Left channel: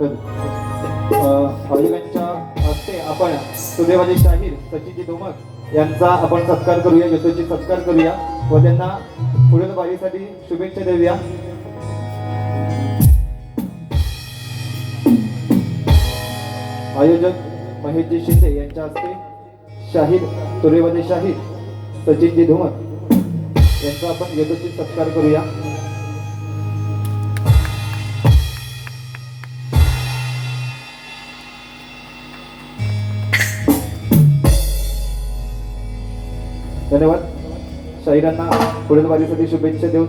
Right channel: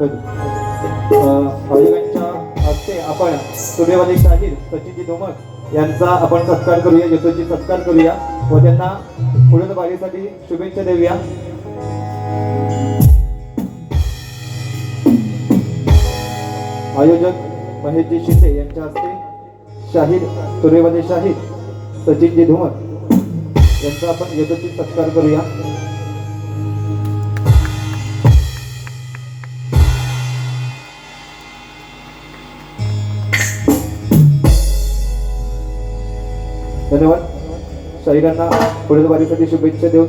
आयोजकांच्या हस्ते आपण सुदैवादी शाहीर सचिनजी धोमक यांचा आपण सत्कार करूया, यशस्वी सत्कार करूया व त्यांना पुढील वारीसाठी शुभेच्छा देऊया. आयोजक महेशजी शिंदे यांच्या हस्ते शाहीर सुदैवादी शाहीर सचिनजी धोमक यांचा आपण यशस्वी सत्कार करूया. धन्यवाद. शाहिरांना पुढील वारीसाठी शुभेच्छा देऊन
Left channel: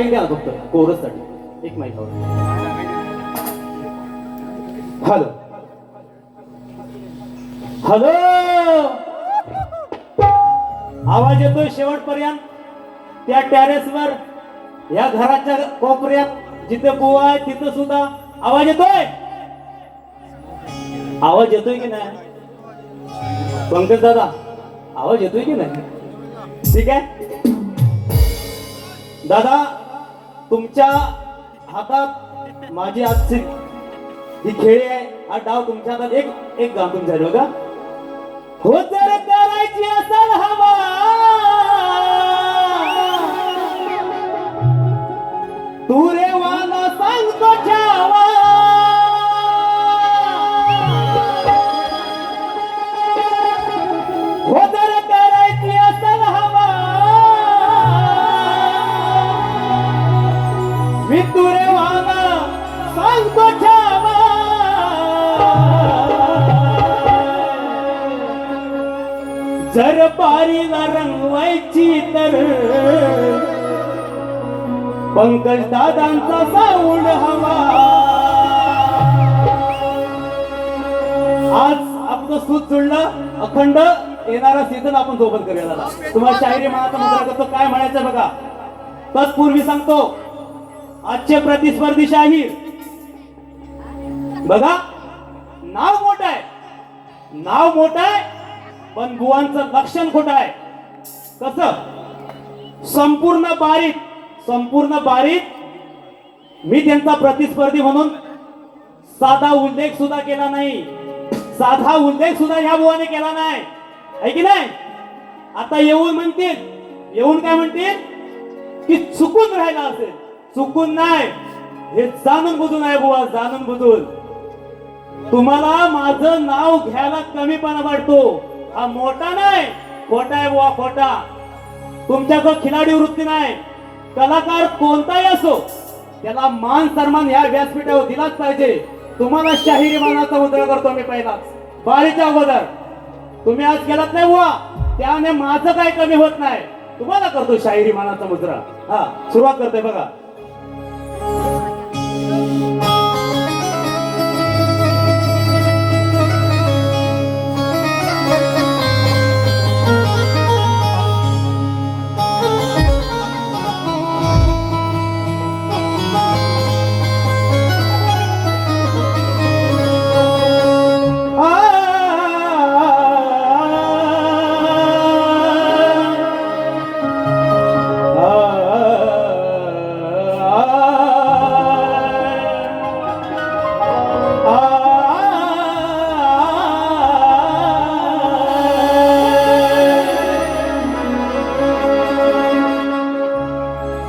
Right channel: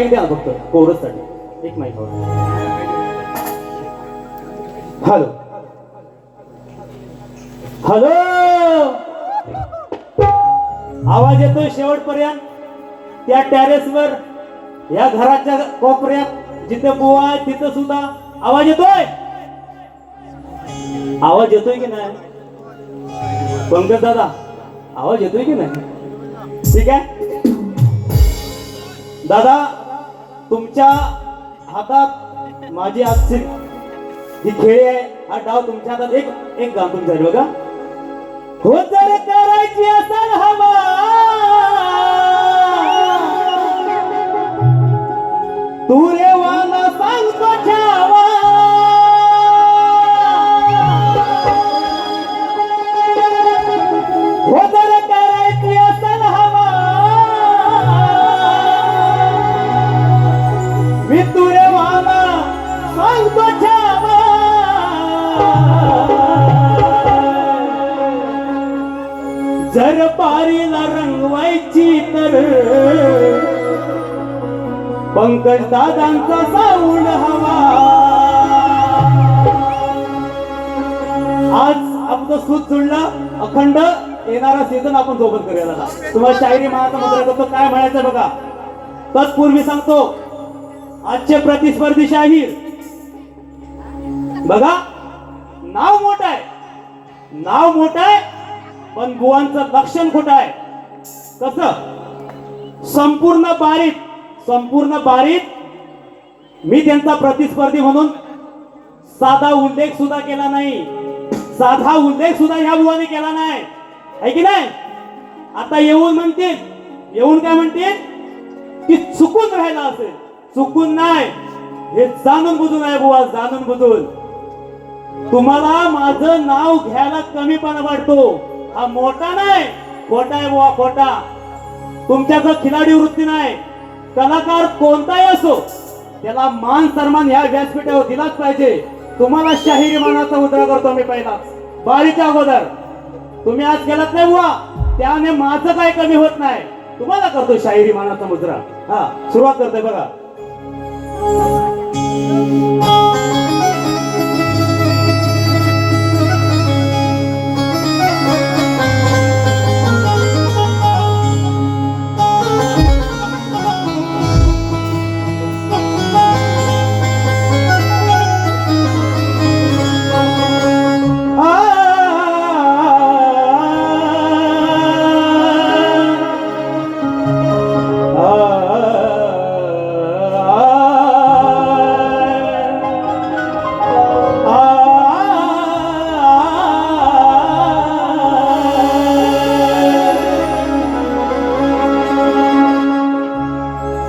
माईक द्या ना फक्त कोरस साठी एक माईक. हॅलो हॅलो, आवाज येतोय शेवटपर्यंत? त्या टेरेसवर या घराच्या कोपऱ्यात जिथे बुवा आहे तिथं सुद्धा आवाज येतोय? आवाज येतोय की नाही पंकज दादा? आवाज येतोय की नाही? ठीक आहे दादा, तुमच्या हातात माझी आजची ही खेळी आहे, हा डाव तुमच्या हातात. एक गाणं तुमच्यासाठी बघा. हो जर करायची असेल हवा तू रे वाला सांगतो छावा, हो जर करायची असेल हवा मी तू रे वाला सांगतो छावा. जर पारीला रंगवायची तर पंकज दादांचा साऊंड हवा. आज आपलं सूत जुळलं, अखंड येणारा सीझन आपण सोबत करूया दादा. तुम्हाला शायरी म्हणायचं मुद्रा करतो, काय म्हणायचं बघा. तत्पूर्वी सांगतो, आजचे प्रतिस्पर्धी शाहीर बघा, नाव मोठं आहे, नाव मोठं आहे, पण बुवांचं लक्षण खोटं आहे. कसं? संपूर्ण बारीक मी त्यांचा प्रतिस्पर्धी म्हणून साधा उल्लेख सुद्धा केला नाही, साधा उल्लेख सुद्धा या बुवाने केला नाही, आहे की नाही? आता येऊन काय म्हणतील की चुकून राहिला असेल. चुकून नाही, हे जाणून बुजून आहे बुवा, जाणून बुजून. तुम्हाला माझं नाव घ्यायला कमीपणा वाटतो, हा मोठा नाही, खोटा आहे बुवा, खोटा. तुमच्याकडे खिलाडी वृत्ती नाही. कलाकार कोणताही असो, त्याला मान सन्मान ह्या व्यासपीठावर दिलाच पाहिजे. तुम्हाला शाहिरी मानाचा मुद्रा करतो मी पहिला, बारीच्या अगोदर. तुम्ही आज केलात नाही बुवा, त्याने माझं काही कमी होत नाही. तुम्हाला करतो शाहिरी मानाचा मुद्रा. हा, सुरुवात करतोय बघा.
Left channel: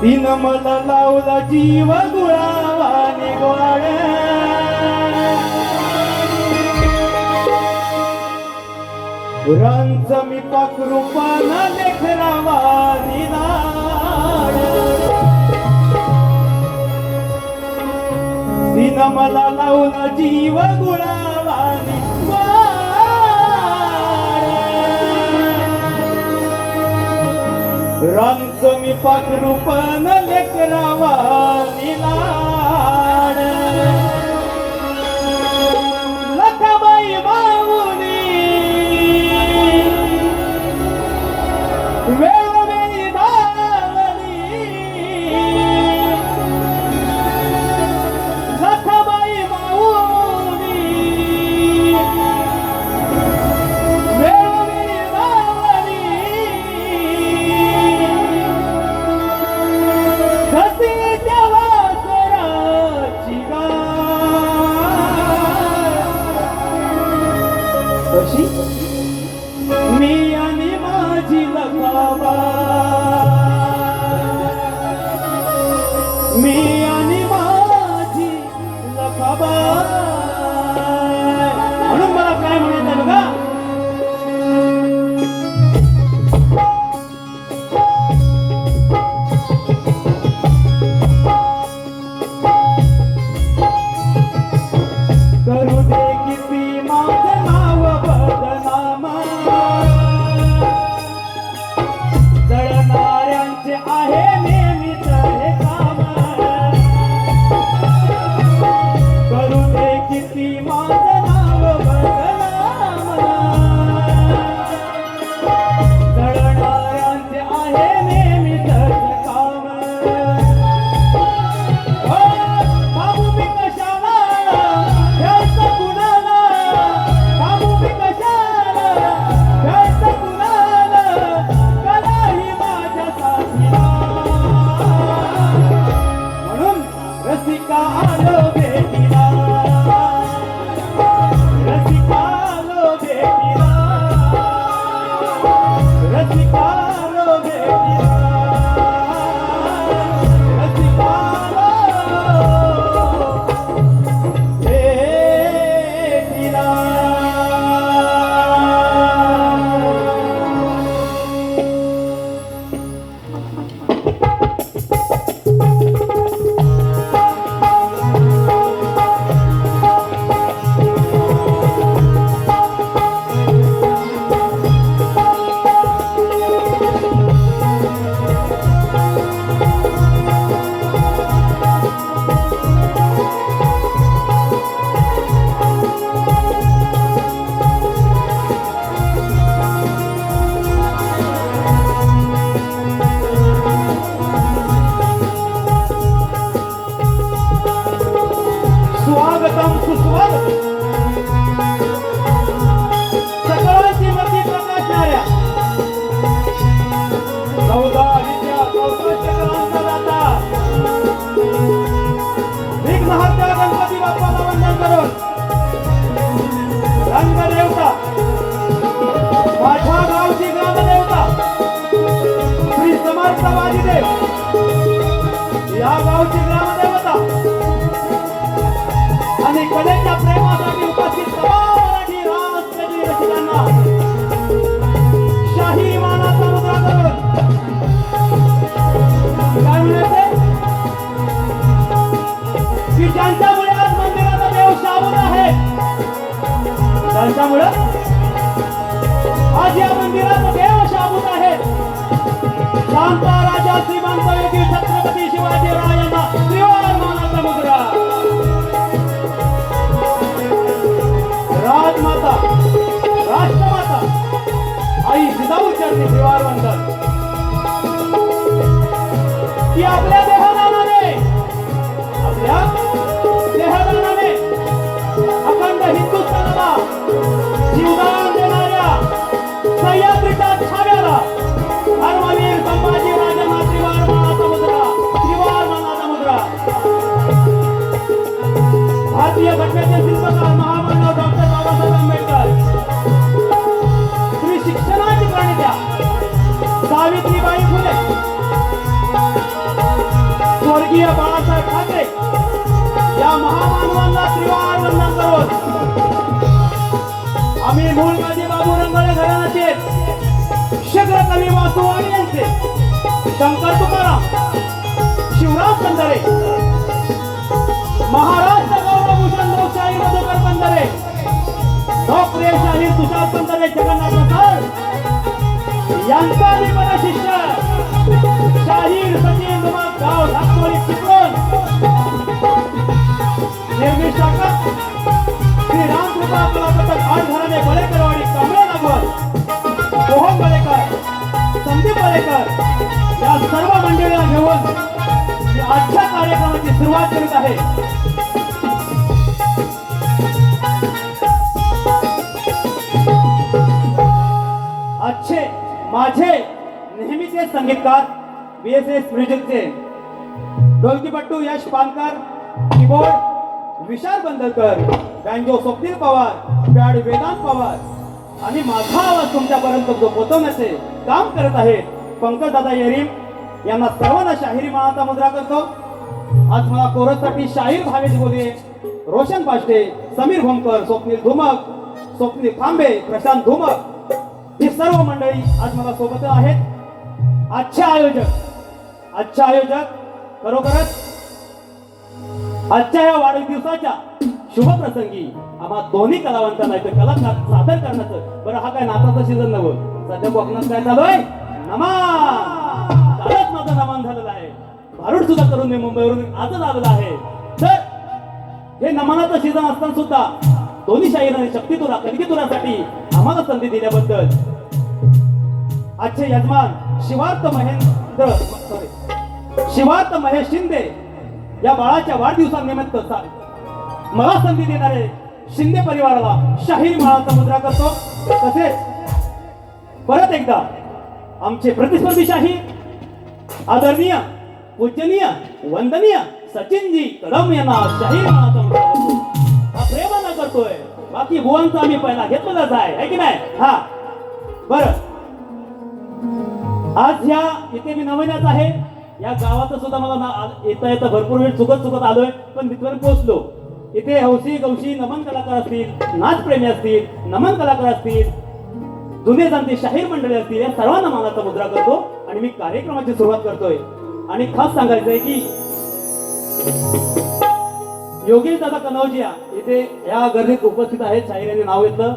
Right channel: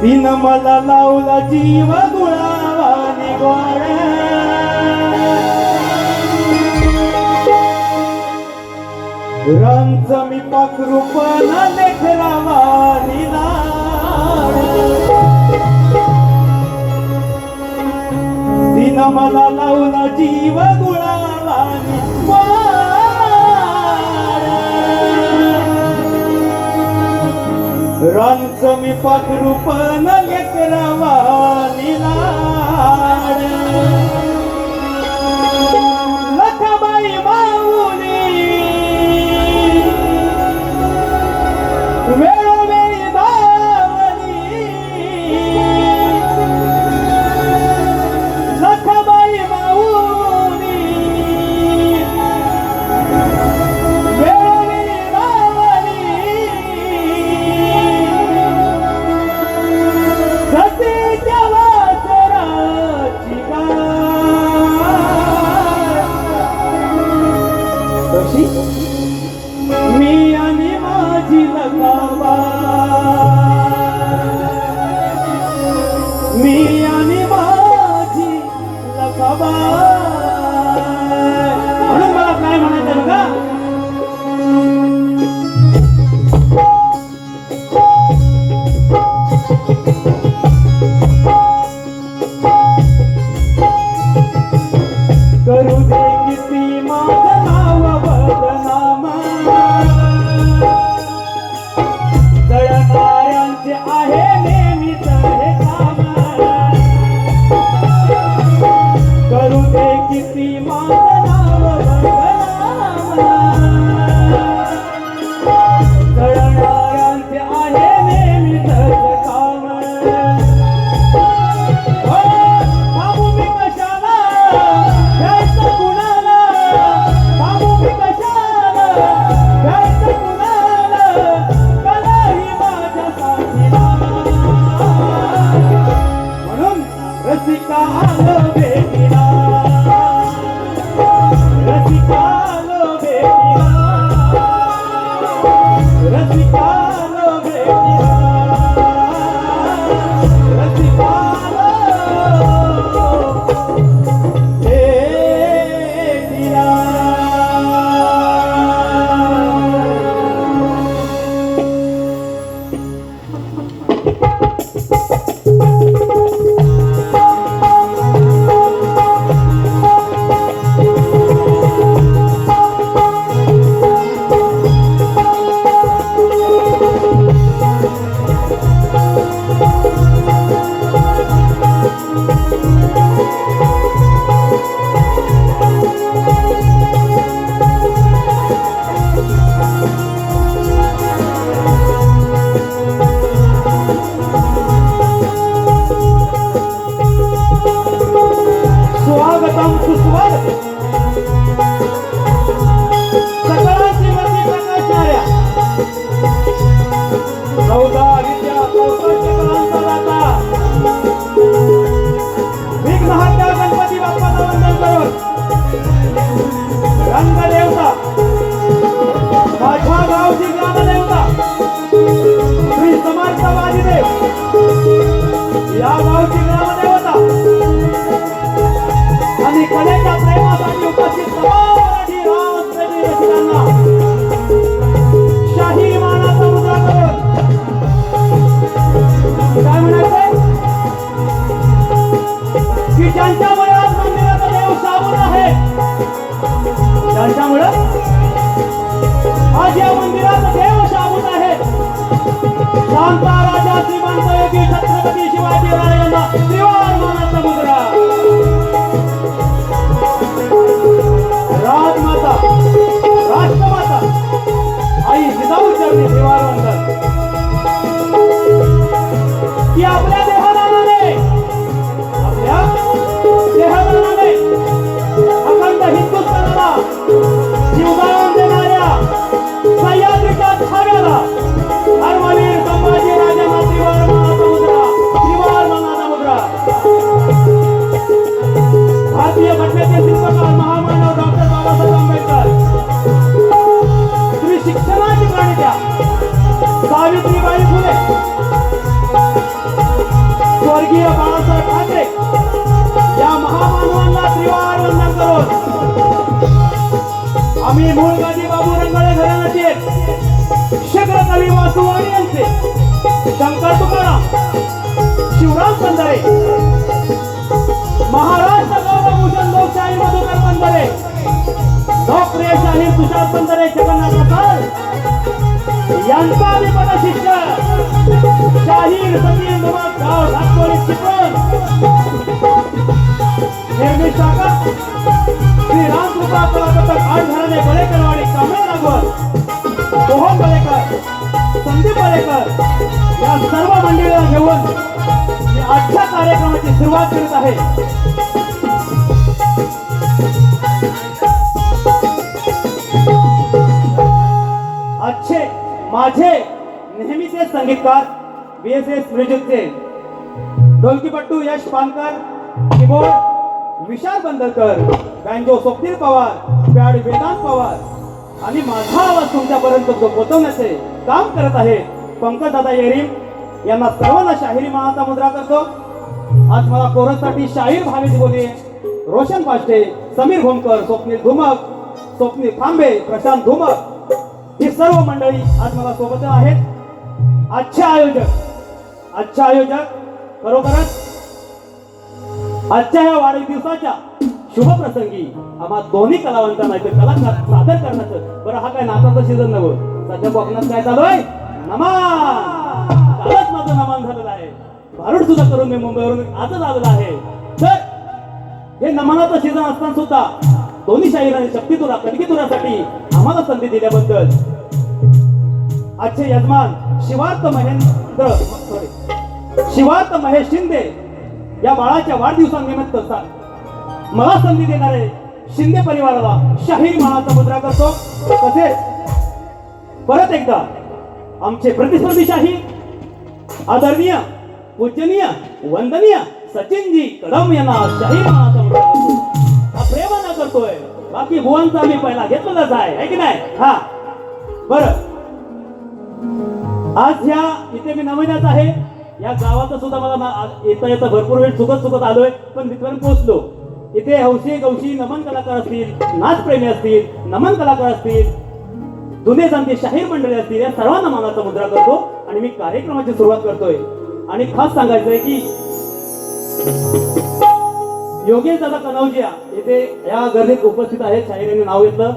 तीन मला लावला जीव गुळावानी गोड, रांच मी पाखरूपना लेकरावानी लाड. तीन मला लावला जीव गुळावानी रांच मी पाखरूपन लेकरावानी लाड. लखाबाई माऊली वेळोवेळी धावली, लखाबाई माऊली वेळोवेळी धावली. मी आणि माझी लखाबा, मी आणि माझी लखाबा. म्हणून मला काय म्हणायचं बघा. करू दे किती माझं नाव बदनाम, जळणाऱ्यांचे आहे नेहमीच काम. थांबू मी कशाला घ्यायचं कुणाला, थांबू मी कशाला घ्यायचं कुणाला, कलाही माझ्या साथीला. म्हणून रसिका आलो भेटीला, रसिका आलो भेटीला, रसिका आलो भेटीला, रसिका स्वागतम सुस्वागतम. सकळ श्रीमती प्रकाशनार्या चौदा विद्या कौशल्य कलांचा दाता विघ्नहर्ता गणपती बाप्पाला वंदन करून रंगदेवता माझ्या गावची ग्रामदेवता श्री समर्थ बाजीदेव या गावची ग्रामदेवता आणि कलेच्या प्रेमासाठी उपस्थित तमाम मराठी राजप्रेमी रसिकांना शाही मानाचा मुद्रा करून काय म्हणायचं की ज्यांच्यामुळे आज मंदिराचा देव शाबूत आहे, ज्यांच्यामुळे आज या मंदिराचा देव शाबूत आहे, शांता राजा श्रीमंत योगी छत्रपती शिवाजीरायांना त्रिवार मानाचा मुद्रा. राजमाता राष्ट्रमाता आई जिजाऊ चरणी त्रिवार वंदन. की आपल्या देहादानाने, आपल्या देहादानाने अखंड हिंदुस्थानाला जीवदान देणाऱ्या सह्याद्रीच्या छाव्याला धर्मवीर संभाजीराजांना त्रिवार मानाचा मुद्रा, त्रिवार मानाचा मुद्रा. भारतीय घटनेचे शिल्पकार महामानव डॉक्टर बाबासाहेब आंबेडकर, तुम्ही शिक्षणाची प्रणित्या सावित्रीबाई फुले, स्वर्गीय बाळासाहेब ठाकरे या महामानवांना त्रिवार वंदन करून आम्ही मूळ गादी बाबू रंगाळे घराण्याचे शग्र कवी वासुवाणी यांचे शंकर तुकाराम, शिवराम पंधरे, महाराष्ट्र गौरवभूषण लोकशाही मधुकर पंधरे, लोकप्रिय शाहीर तुषार पंधरे, जगन्नाथ प्रसाद यांचा आणि शिष्य शाहीर सचिन गाव राजकोळी चिपळूण निर्मित शाखा श्री रामकृपा कलापथक आठ घराणे बळेकरवाडी कांबळे नागवड सोहम बळेकर, संदीप बळेकर या सर्व मंडळीला घेऊन मी आजच्या कार्यक्रमाची सुरुवात करीत आहे. आजचे माझे नेहमीचे संगीतकार BSS म्युझिकचे ढोलकीपट्टू यश पानकर, कीबोर्ड विशाल बंदरकर, बँजो स्वप्नील पवार, पॅड वेदांत पवार आणि माझा आवाज तुमच्यापर्यंत पोहोचवण्याचे काम करत आहेत पंकजदादा येरीम यांना सर्वांना शाहिरी मानाचा मुद्रा करतो. आज मला कोरससाठी शाहीर भावेश बोले, रोशन पाष्टे, समीर भोमकर, स्वप्नील धुमक, स्वप्नील खांबे, प्रशांत धुमक ही सर्व मंडळी आज मला सोबत आहेत. आजचे आयोजक खरोखरच आजच्या या वाढदिवसाच्या शुभप्रसंगी आम्हा दोन्ही कलावंतांना कलाकार सादर करण्याचं. बरं, हा काय नाताचा सीझन नव्हतं, सध्या कोकणात काय चालू आहे, नमान. कालच माझं नमान झालेलं आहे, भारूड सुद्धा करून मी मुंबईवरून आजच आलेला आहे. तर हे नमानाचं सीझन असताना सुद्धा दोन्ही शाहीर आणि शक्तितुरा कणकीतुरासाठी आम्हाला संधी दिल्याबद्दल आजचे यजमान शिवार्थ महेश शिंदे या बाळाच्या वाढदिवसानिमित्त मला संधी देणारे शिंदे परिवाराला शाहीर मानाचा मुद्रा करतो. तसेच परत एकदा आमचे प्रतिस्पर्धी शाहीर आदरणीय पूजनीय वंदनीय सचिनजी कदम यांना शाहीर मानाचा मुद्रा करतो. प्रेमानं करतोय. बाकी बुवांचा आम्ही पहिला घेतलेलाच आहे की नाही. हा बरं, आज ह्या इथे मी नवण्यात आहे. या गावात सुद्धा मला येता भरपूर वेळ चुकत आलोय, पण तिथपर्यंत पोहोचलो. इथे हौशी गवशी नमन कलाकार असतील, नाचप्रेमी असतील, नमन कलाकार असतील, जुने जाणते शाहीर मंडळी असतील, या सर्वांना मानाचा मुद्रा करतो आणि मी कार्यक्रमाची सुरुवात करतोय. आणि खास सांगायचंय की योगेश दादा कनौजिया इथे या गर्दीत उपस्थित आहेत. शाहीरांनी नाव घेतलं.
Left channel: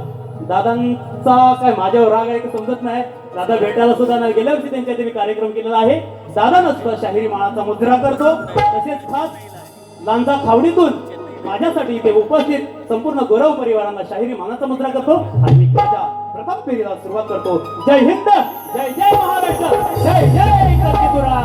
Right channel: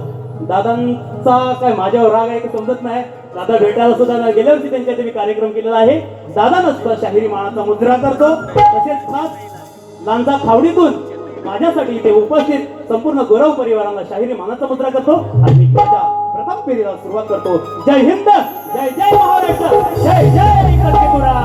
दादांचा काय माझ्यावर राग आहे की समजत नाही. दादा भेटायला सुद्धा नाही. गेल्या वर्षी त्यांच्या मी कार्यक्रम केलेला आहे. दादानं सुद्धा शाहिरी मानाचा मुद्रा करतो. तसेच खास लांजा खावडीतून माझ्यासाठी इथे उपस्थित संपूर्ण गौरव परिवाराला शाहिरी मानाचा मुद्रा करतो आणि मी माझ्या प्रथम फेरीला सुरुवात करतो. जय हिंद, जय जय महाराष्ट्र, जय जय कर्केतुरा.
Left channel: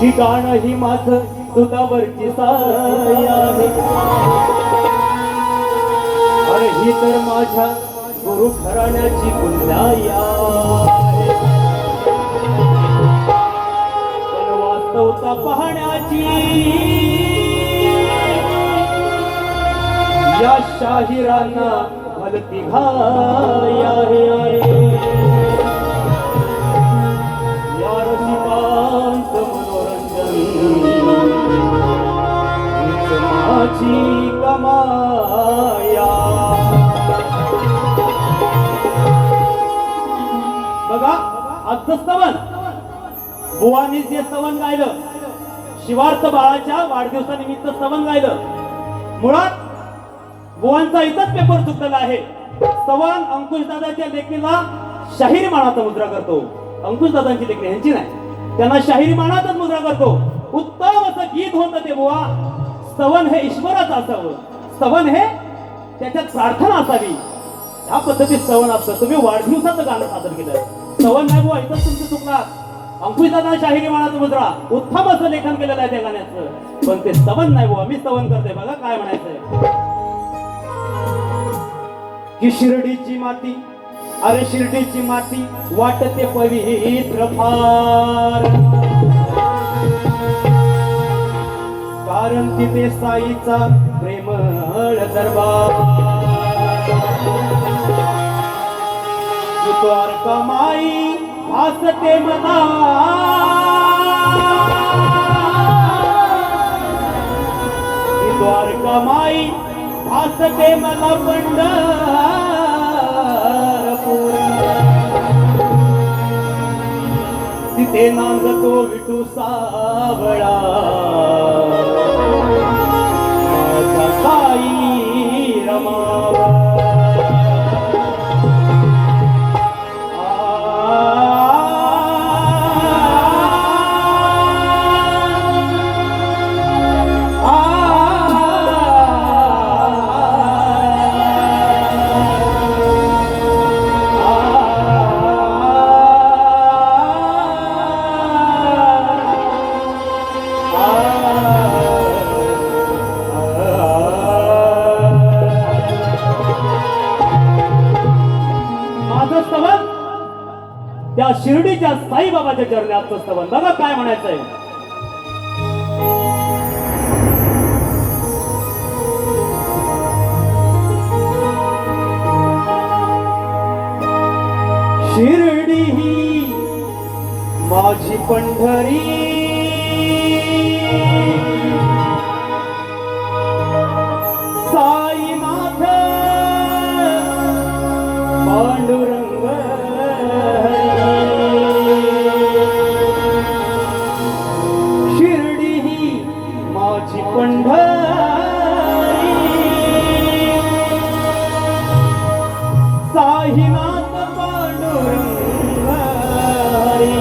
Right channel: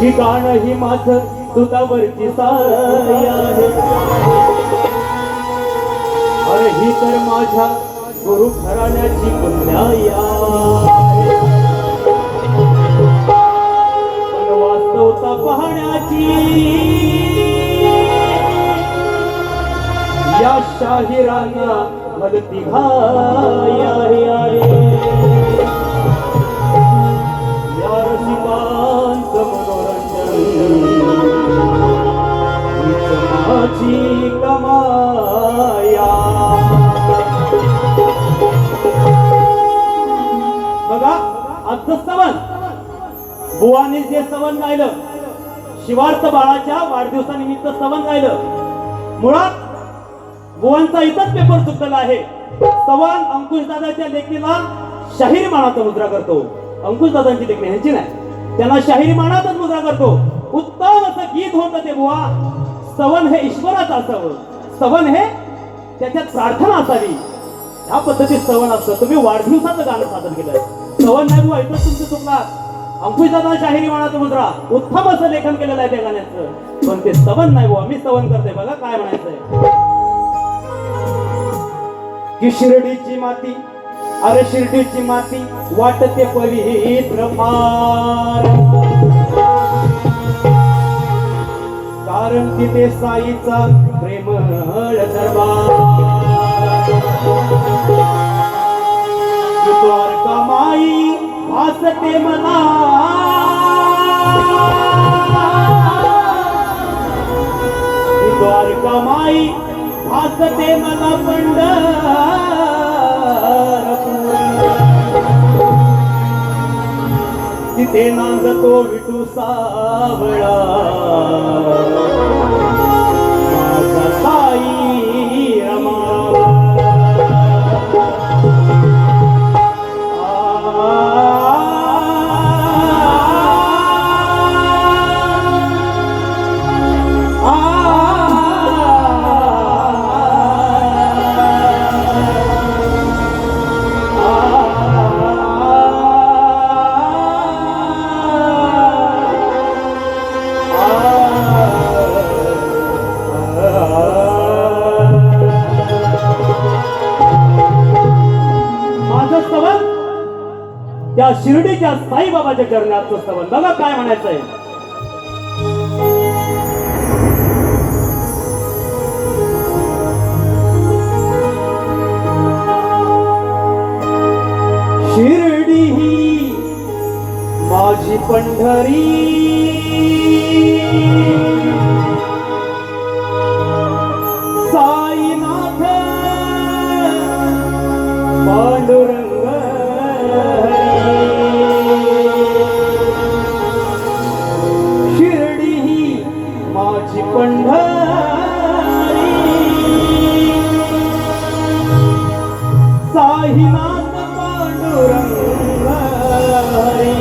ठिकाण ही माझं दुधावरची साय आहे. अरे ही तर माझ्या गुरु घराण्याची पुण्याई आहे. पण वास्तवता पाहण्याची या शाहिरांना मदती घाय आहे. या रसिकांचं माझी कमाया. बघा आजचं स्तवन बुवानी जे स्तवन गायलं, शिवार्थ बाळाच्या वाढदिवसानिमित्त स्तवन गायलं. मुळात बुवांचा इथंच पेपर चुकलेला आहे. स्तवन अंकुश दादाच्या लेखणीला शाहिरी मानाचा मुद्रा करतो. अंकुश दादांची लेखणी ह्यांची नाही, त्यांना शाहिरी मानाचाच मुद्रा करतो. उत्तम असं गीत होतं ते बुवा. स्तवन हे ईश्वराचं असावं. स्तवन हे त्याच्यात प्रार्थना असावी. ह्या पद्धतीत स्तवन असतं. तुम्ही वाढदिवसाचं गाणं सादर केलं. स्तवन नाही बुवा, इथं तुमचं चुकला. अंकुश दादा शाहिरी मानाचा मुद्रा, उत्तम असं लेखन केलेलं आहे त्या गाण्याचं, पण ते स्तवन नाही बुवा. मी स्तवन करते. बघा काय म्हणायचंय की शिर्डीची माती, अरे शिर्डीची माती वाटते पवित्र फार. कारण तिथे साईचा प्रेमळ दरबार. द्वारका माई भासते मला, द्वारका माई भासते मला पंढरपूर. तिथे नांदतो विठू सावळा, माझा साई रमावा. त्या शिर्डीच्या साईबाबाच्या चरणात स्तवन. बघा काय म्हणायचंय. शिर्डी ही माझी पंढरी, साईनाथ पांडुरंग हरी. शिर्डी ही माझी पंढरी, साईनाथ पांडुरंग हरी.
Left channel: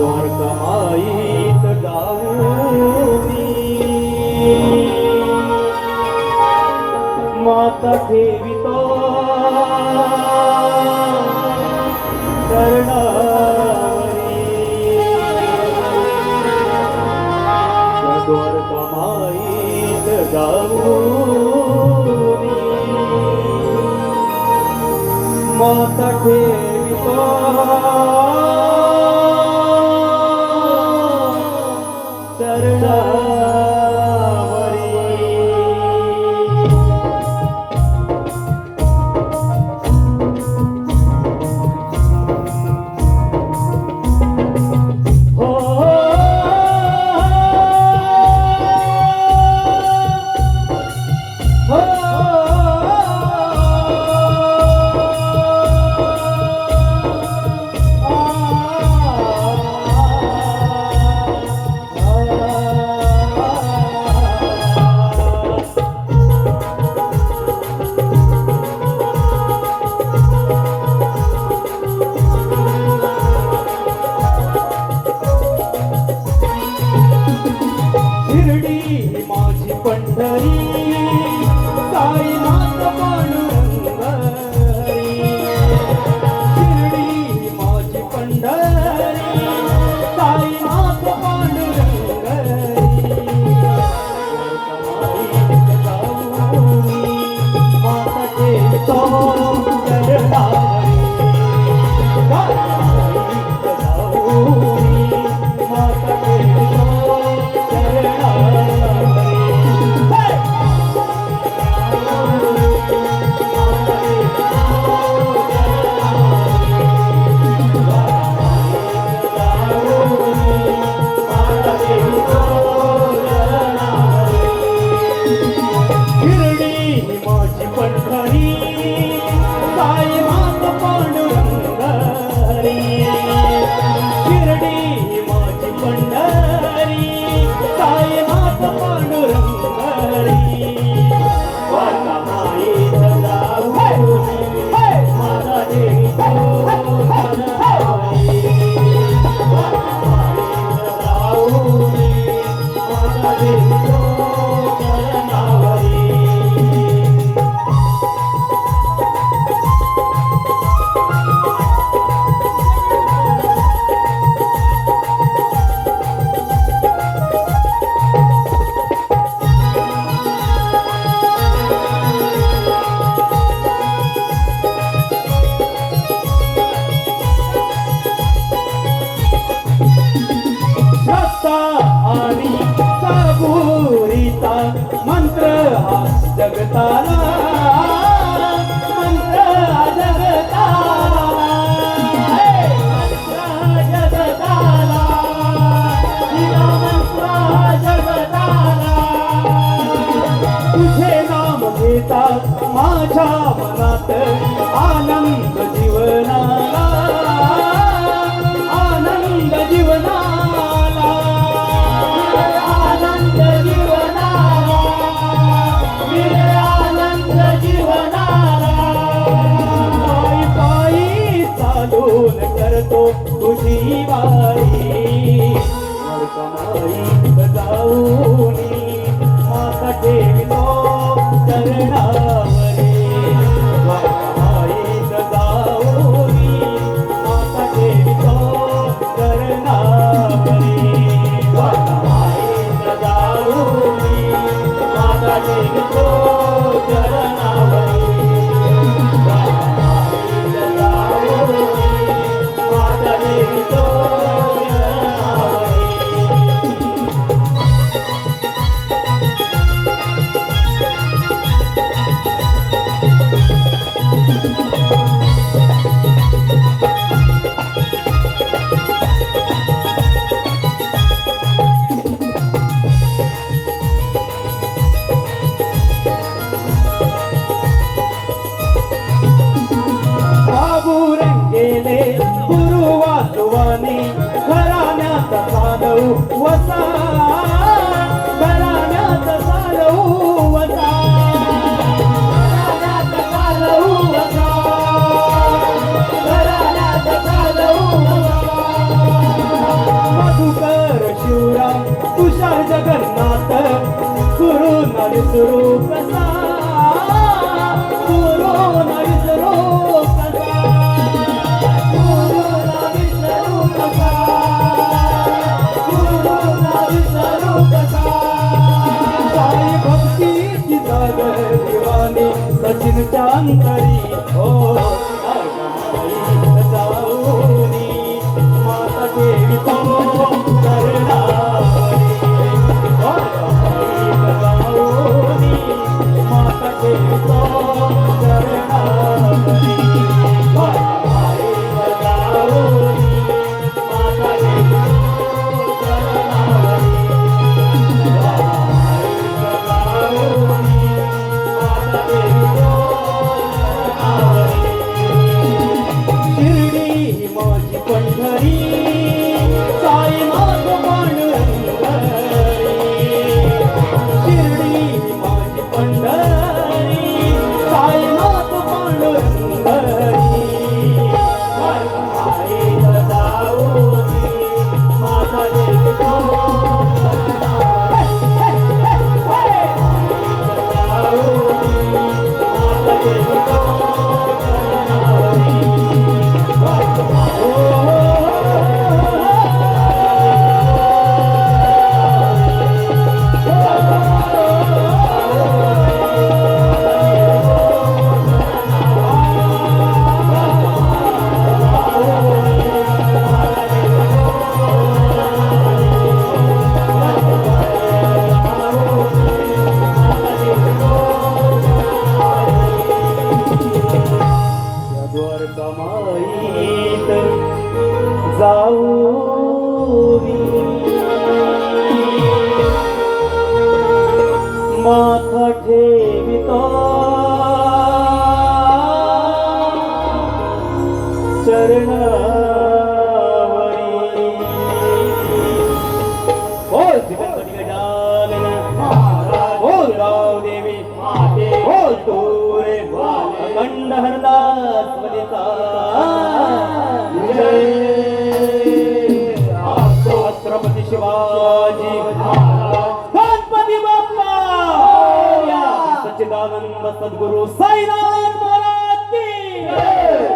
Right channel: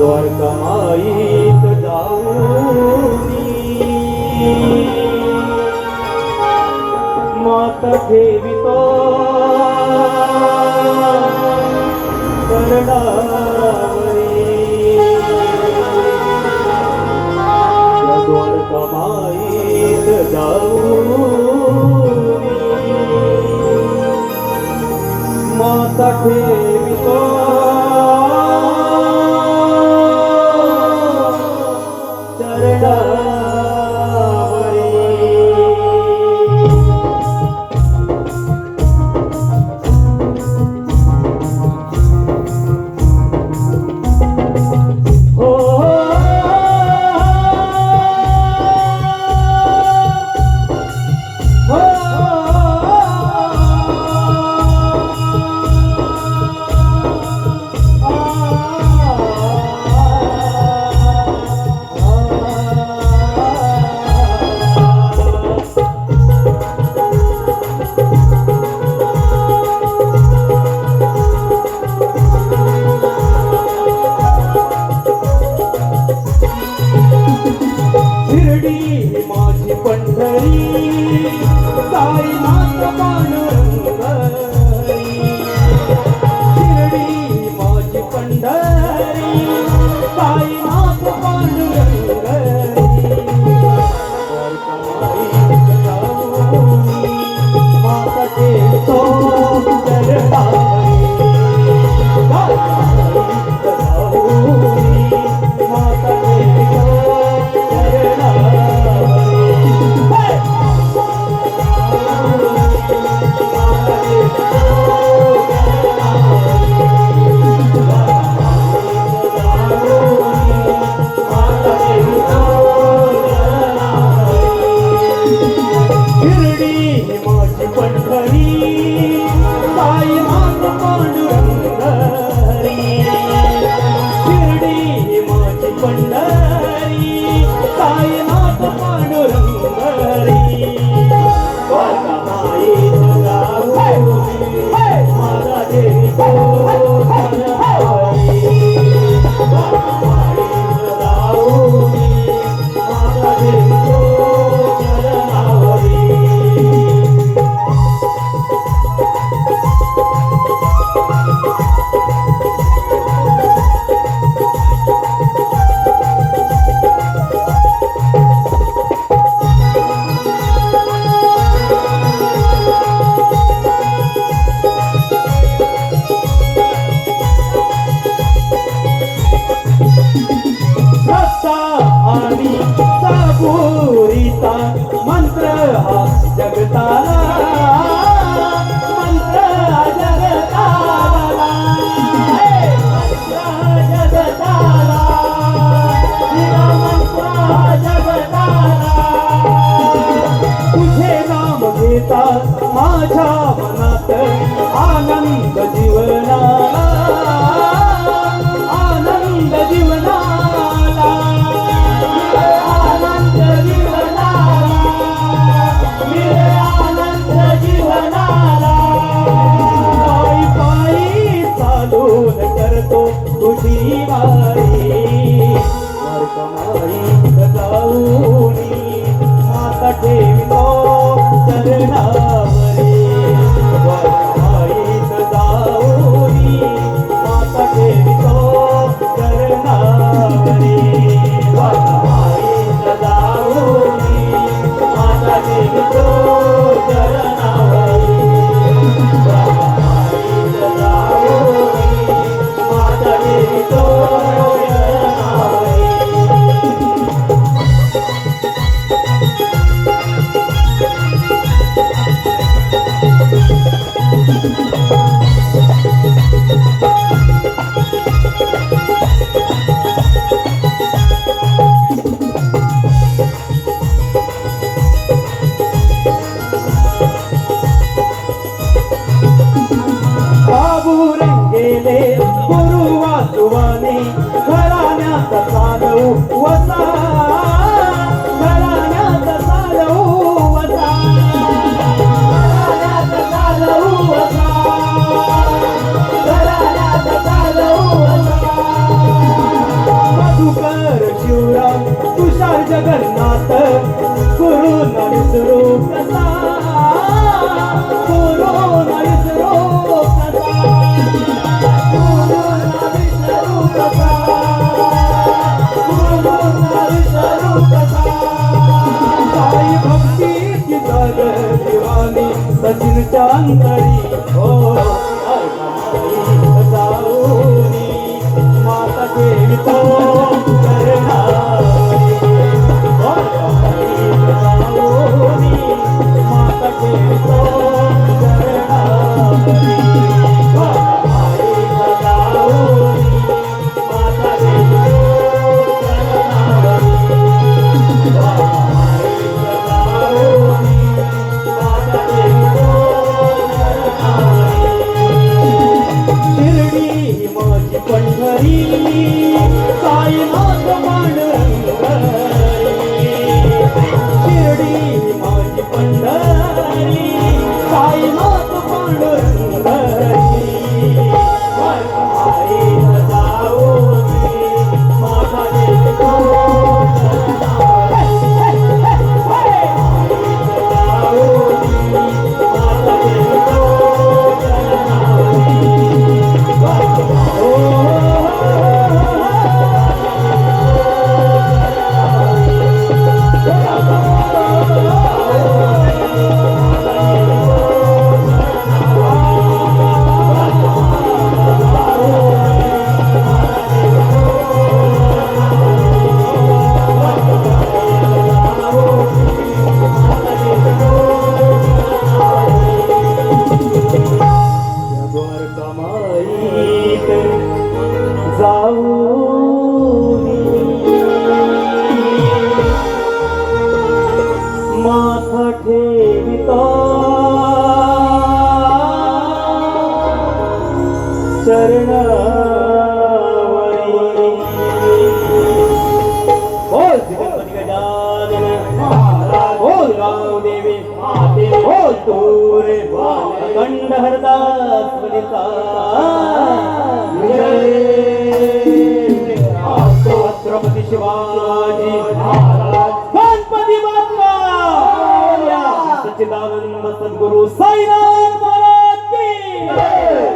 द्वारका माईत जाऊनी माता ठेवितो चरणावरी. द्वारका माईत जाऊनी माता ठेवितो चरणावरी. बाबू रंगेले गुरु वासुवाने घराण्यात चालवू वसा घराण्यात चालवू वसा घराण्यात चालवू वसा घराण्यात चालवू वसा मधुकर शिवराम तुषार जगन्नाथ गुरु नविसरू कसा गुरु नविसरू कसा गुरु नविसरू कसा गुरु नविसरू कसा साई भक्तीची सागर दिवानी सचिन चांदणी हो जाऊनी माता देवी तो चरणावरी हो जाऊनी माता देवी तो चरणावरी जाऊनी माता देवी तो शिर्डी मोजी पंढरी साई नाथ मंडळी शिर्डी मोजी पंढरी साई नाथ मंडळी वाईला जाऊनी माझा देवी तो माथा ठेविता चरणावरी बोल सिद्धपती गजानन बोल राव देवी बोल तोरे अखंड हरदास वनिता छत्रपती शिवाजी गणपती बाप्पा सच्चिदानंद सद्गुरु साईनाथ महाराज की जय.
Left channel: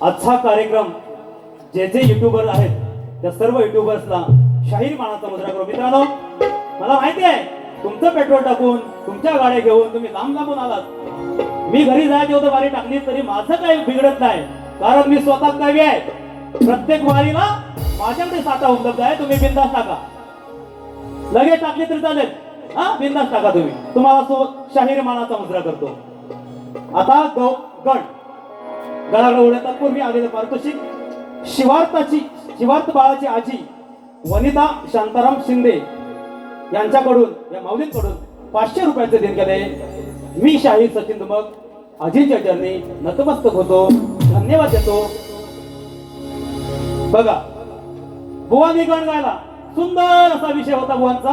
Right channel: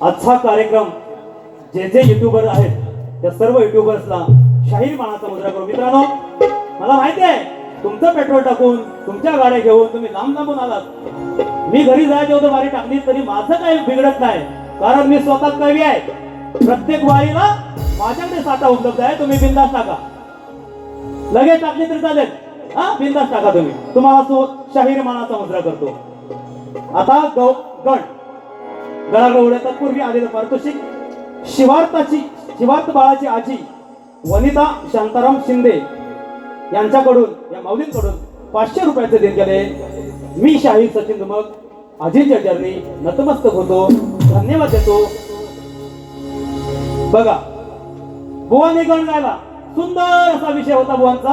आजचा कार्यक्रम जे जे युट्यूबर आहेत त्या सर्व युट्यूबर्सला शाहीर मानाचा मुद्रा करू. मित्रांनो, मला माहिती आहे तुमचं पेट्रोल टाकून तुमच्या गाड्या घेऊन तुम्ही लांब लांबून आलात. मी घरी जायचे होतं वारी टाकली तरी माझं काही बिघडत नाही, कारण मी स्वतः कवी आहे. प्रत्येक वारीला माझ्याकडे साठा उपलब्ध आहे. तुम्ही बिंदास टाका, लगेच टाकली तरी चालेल. हा, बिंदास टाका तुम्ही. तुम्हाला तो शाहीर मानाचा मुद्रा करतो. आता गण गणाला उडवतात पूर्वी आलेलं पारितोषिक शिवार्थ बाळाची आजी वनिता शांताराम शिंदे यांच्याकडून, या माऊलींकडून 500 रुपयाचे देणग्याने मी शाहीर सचिन दुमक आजींच्या चरणी नतमस्तक होतो, धन्यवाद देतो. बघा, बुवानी गण गायला. सुंदर असा विषय होता बुवांचा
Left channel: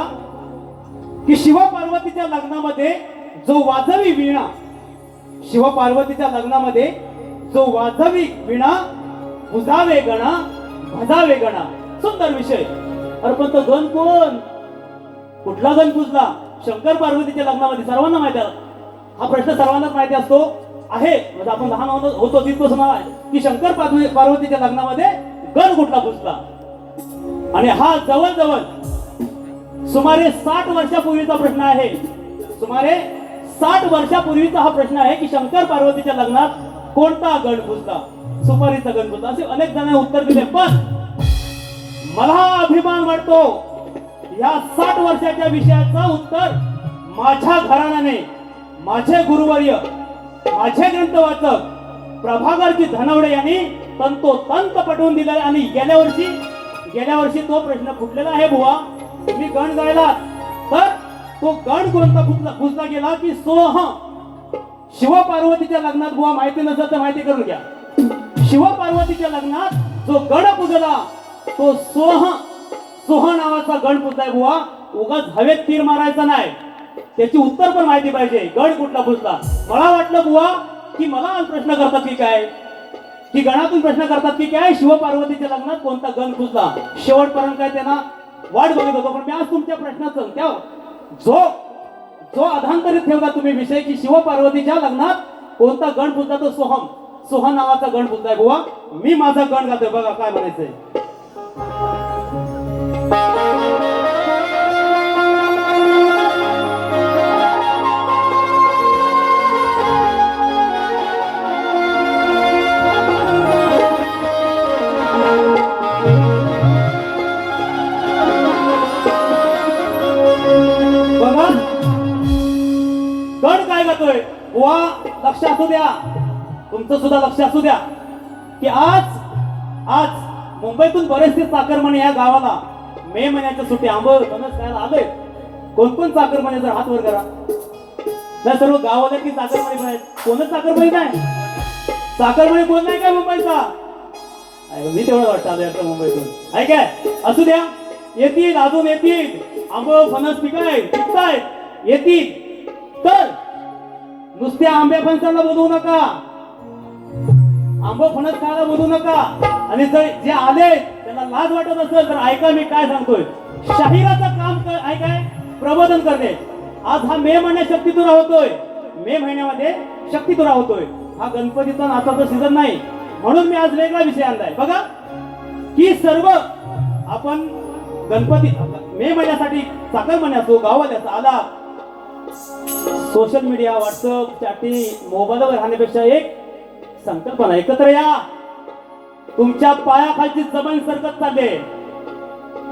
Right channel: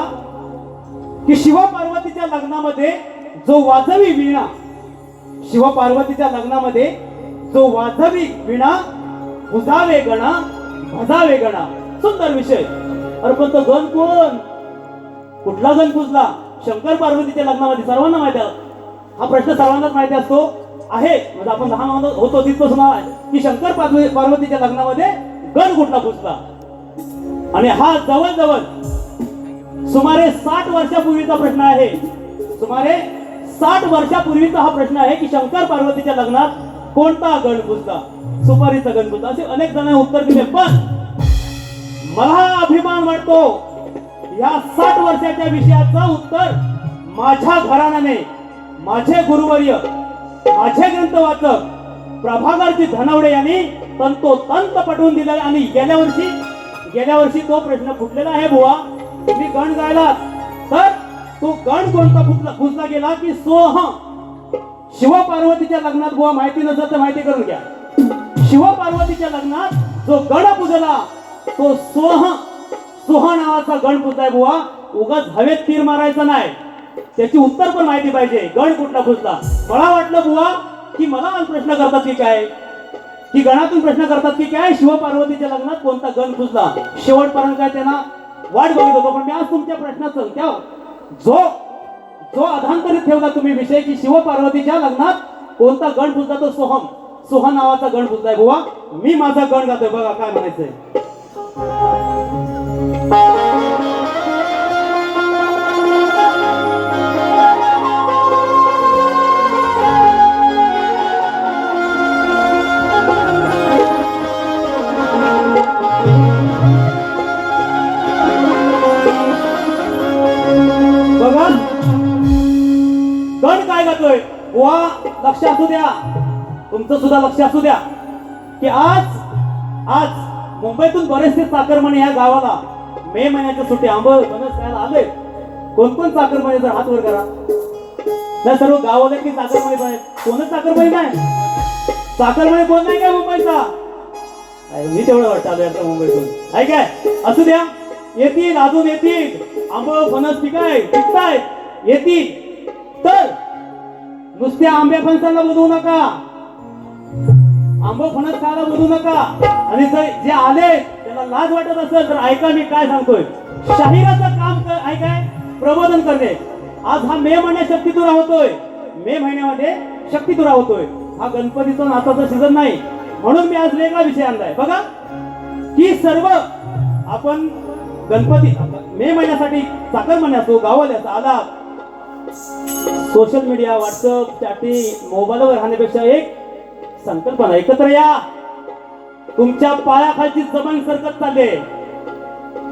की शिवपार्वतीच्या लग्नामध्ये जो वाजवी वीणा, शिवपार्वतीच्या लग्नामध्ये जो वाजवी वीणा बुजावे गणा भजावे गणा. सुंदर विषय. अरे पण तो गण कोण? कुठला गण पुजला? शंकर पार्वतीच्या लग्नामध्ये सर्वांना माहिती आहे. हा प्रश्न सर्वांनाच माहिती असतो आहे. म्हणजे आपण लहान होतो तिथपासून आहे की शंकर पार्वतीच्या लग्नामध्ये गण कुठला पुजला. आणि हा जवळजवळ सुमारे 60 वर्षापूर्वीचा प्रश्न आहे. सुमारे 60 वर्षापूर्वीचा हा प्रश्न आहे की शंकर पार्वतीच्या लग्नात कोणता गण पुजला. सुपारीचा गण पुजला. असे अनेक जण उत्तर दिले. पण मला अभिमान वाटतो या 60 वर्षाच्या विषयाचं उत्तर माझ्या घराण्याने, माझे गुरुवर्य, माझे ग्रंथवाचक प्रभाकरजी धनवडे यांनी तंतोतंत पटवून दिले. आणि गेल्या वर्षी तो प्रश्न फुटलेला आहे. बुवा, तुम्ही गण गायला तर तो गण कोणता पुजला गेला की सोह. शिवपार्वतीच्या लग्नात बुवा माहिती नसेल तर माहिती करून घ्या. शिवपार्वतीच्या लग्नात जो गण पुजला तो सोह नावाचा गण पुजलाय बुवा. उगाच हवेत तीर मारायचा नाही, त्याची उत्तर पण माहिती पाहिजे. गण कुठला पुजला? मला वाटलं बुवा की मला प्रश्न करतात की काय, की गणातून प्रश्न करतात की काय शिवपार्वतीच्या लग्नात कोणता गण पुजला. शेवटपर्यंत काय त्यांना वाट बघत होतो. पण मी आज तुमच्या प्रश्नाचं त्या जो अधांतरित ठेवला तुम्ही विषय की शिवपार्वतीच्या लग्नात कोणता गण पुजला, तो सोह नावाचा गण पुजलाय बुवा. मी माझा गण गातोय. बघा काय म्हणायचंय. बघा, गण काय गातोय बुवा. लक्ष असू द्या, तुमचं सुद्धा लक्ष असू द्या की आज मुंबईतून बरेचसे चाकरमाने या गावाला मे महिन्याच्या सुट्टी फणस खायला आलोय. कोण चाकरमाने जर हात वर करा. त्या सर्व गावाला की चाकरमाने पण आहेत. कोणच चाकरमाने नाही. चाकरमाने कोण नाही काय मुंबईचा? मी तेवढं वाटतं आलोय आता मुंबईतून. आहे काय? असू द्या, येतील, अजून येतील. आंबो फणस पिकताय येतील. तर नुसत्या आंब्या फणसांना बघू नका, आंबो फणस खायला बघू नका. आणि जर जे आले त्याला लाज वाटत असेल तर ऐका मी काय सांगतोय. शाहिराचं काम ऐकाय, प्रबोधन करणे. आज हा मे महिन्यात शक्तीतुरा होतोय. मे महिन्यामध्ये शक्तीतुरा होतोय. हा गणपतीचा नाताचा सीझन नाही, म्हणून मी आज वेगळा विषय आणलाय. बघा की सर्व आपण गणपती मे महिन्यासाठी चाकरमाने असो, गावाला असो आला, सोशल मीडिया, व्हॉट्सअप, चॅटिंग, मोबाईलवर राहण्यापेक्षा एक संकल्पना, एकत्र या. तुमच्या पायाखालची जमीन सरकत चालले.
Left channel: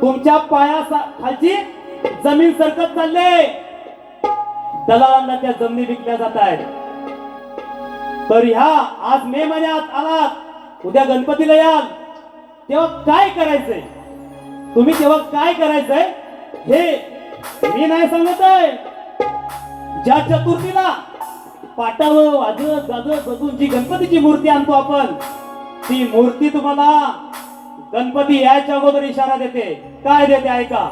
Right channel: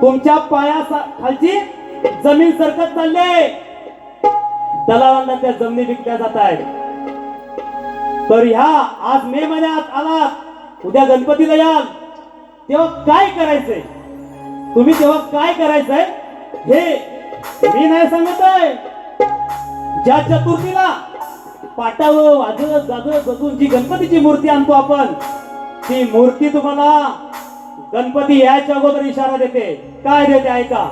तुमच्या पायाखालची जमीन सरकत चालले. दलालांना त्या जमिनी विकल्या जात आहेत. तर ह्या आज मे महिन्यात आलात, उद्या गणपतीला याल, तेव्हा काय करायचंय तुम्ही, तेव्हा काय करायचंय हे मी नाही सांगत आहे. ज्या चतुर्थीला पाटावर वाजत गाजत बसून जी गणपतीची मूर्ती आणतो आपण, ती मूर्ती तुम्हाला गणपती यायच्या अगोदर इशारा देते. काय देते ऐका.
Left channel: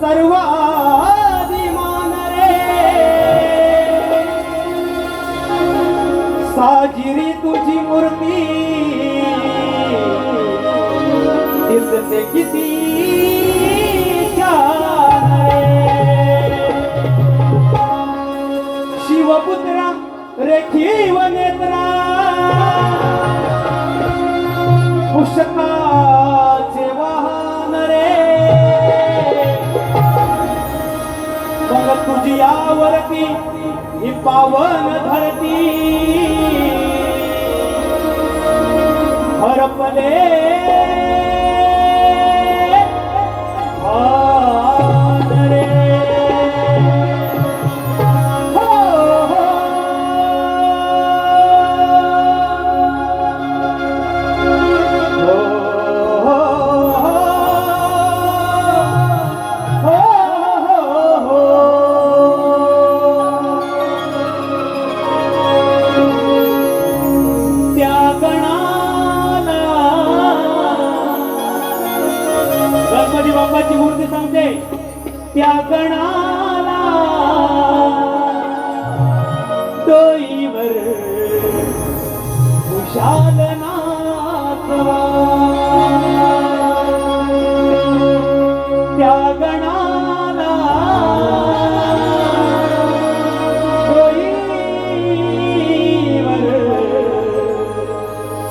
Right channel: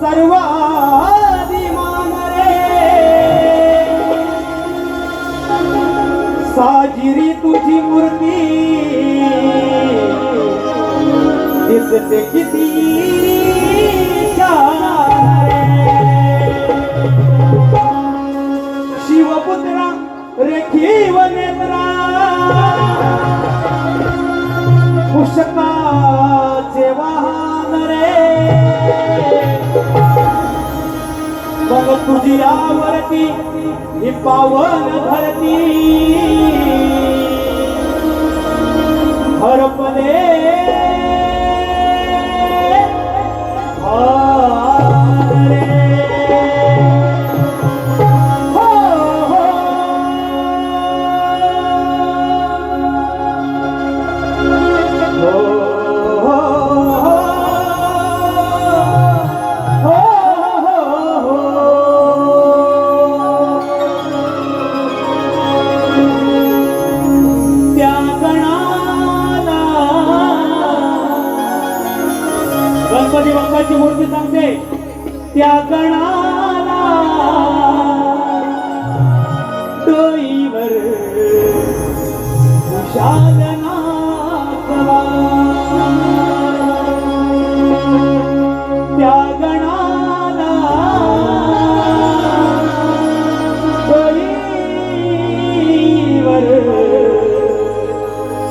सर्वाधिमान रे मग तुझी आवरती ही पावन धरती हरपले गणपती बाप्पाची मूर्ती सांगते त्या गणाला डोईवर कुशाल नाचवा त्या गणाला डोईवर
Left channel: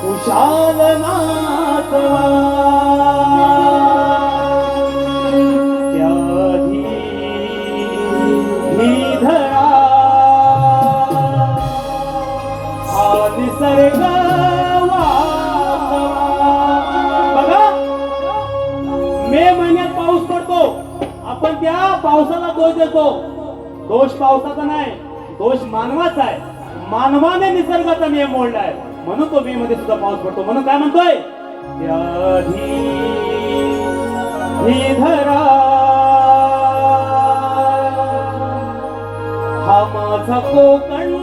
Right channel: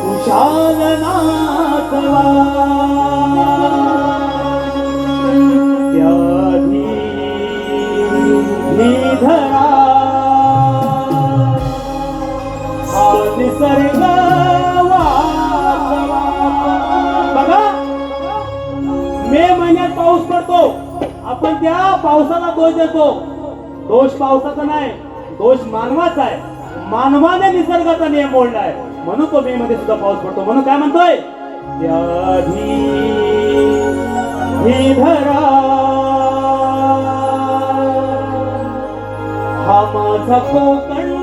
कुशाल नाचवा निसर्ग बघा मे महिन्यात पाऊस पडतो आपण त्या पावसाला दोष देतो दोष पावसाचा नाही दोष मानवाचा आहे मानवाने निसर्गाचा नियम मोडलाय म्हणून तो मे मध्ये सुद्धा पाऊस पडतो म्हणून काय म्हणतोय व्याधी धरा हा माझा कोकण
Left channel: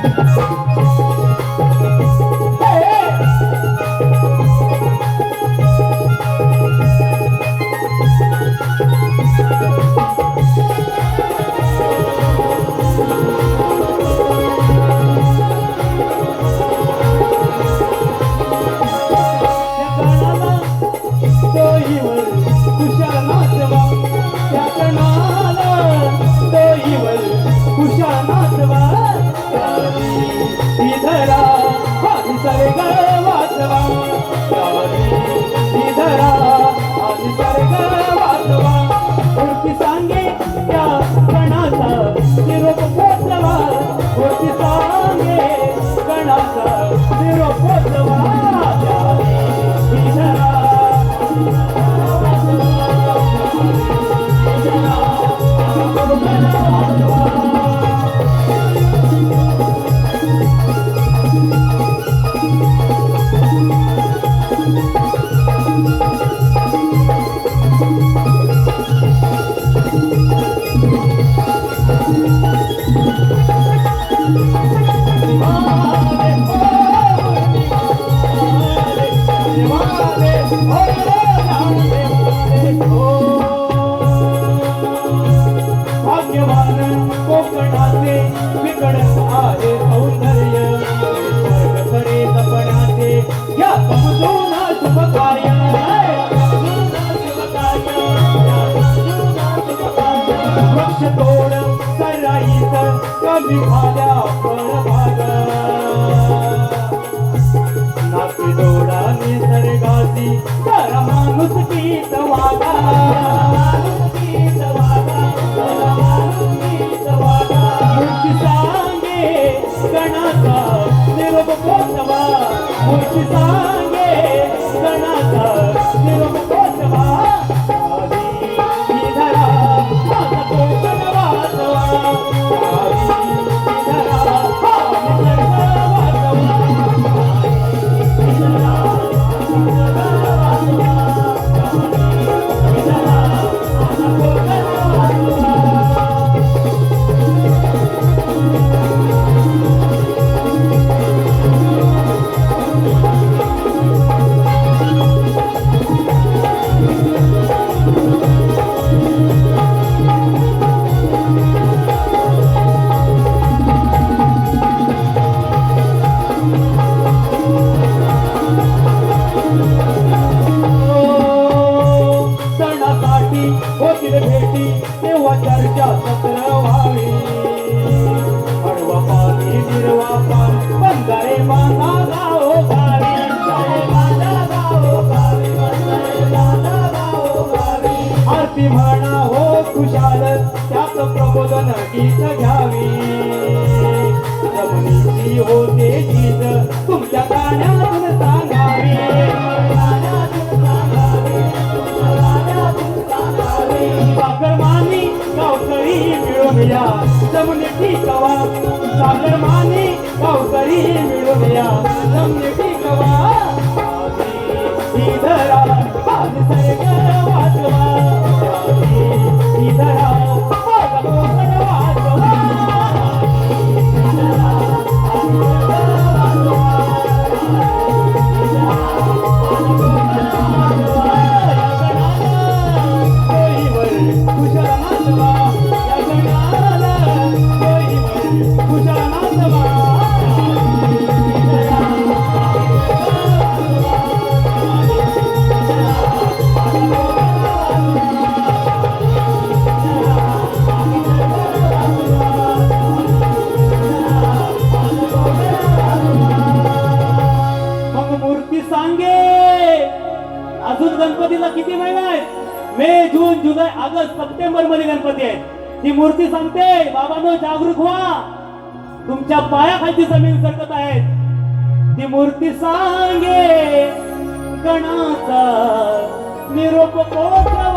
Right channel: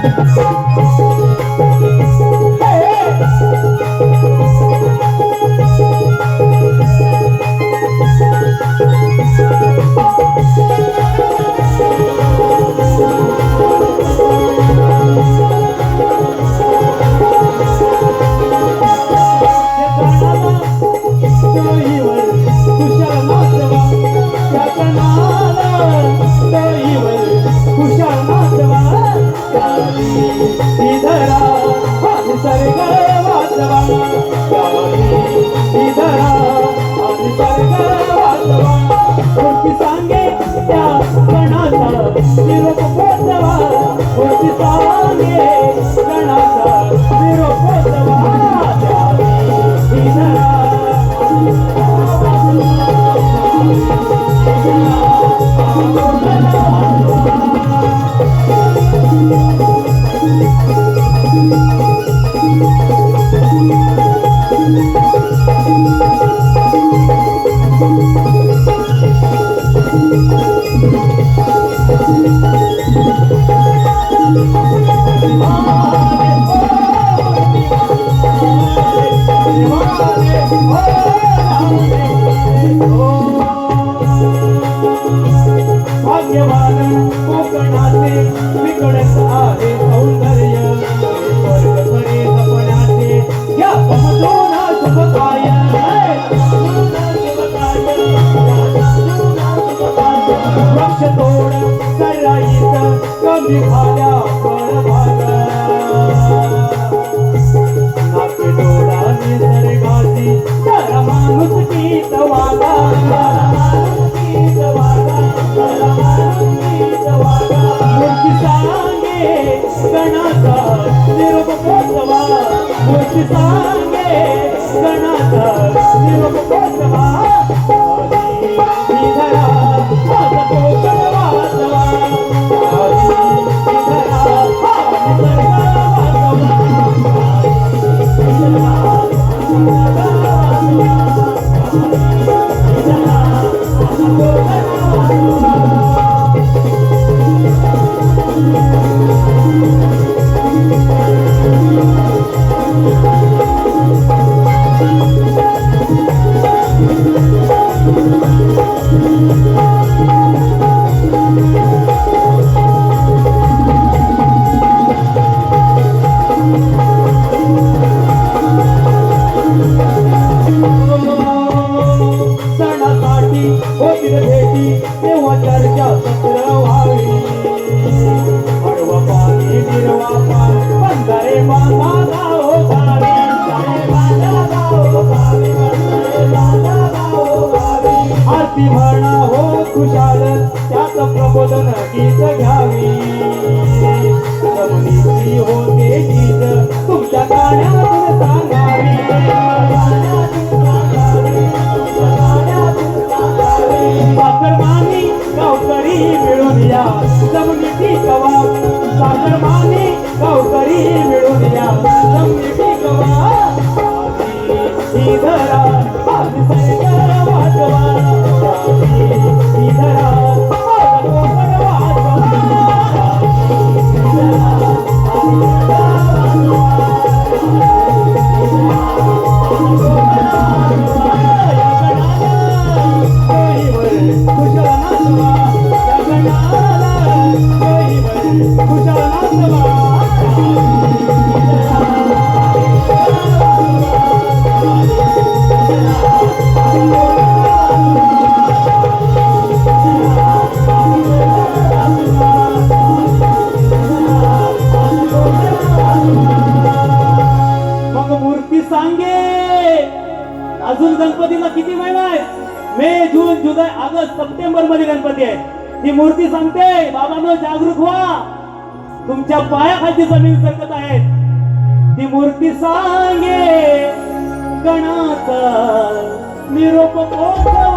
Thank you. घ्यावी जमिनीची होते चीज तुमच्या कानातून सांगावी साखरमानी गावकरी मिळून या जमिनीची कवा साखरमानी गावकरी मिळून या जमिनीची कवा धरा आधी सरकार वाजवा धरा अजून गणपतीला किती महिना आहे मे जून जुलै ऑगस्ट सप्टेंबर मध्ये गणपती आहे ती मूर्ती सांगते बाबांनो जागरूक व्हा तुमच्या पायाखाली जमीन सरकत आहे ती मूर्ती सांगे गणाचा निरोप पोचवा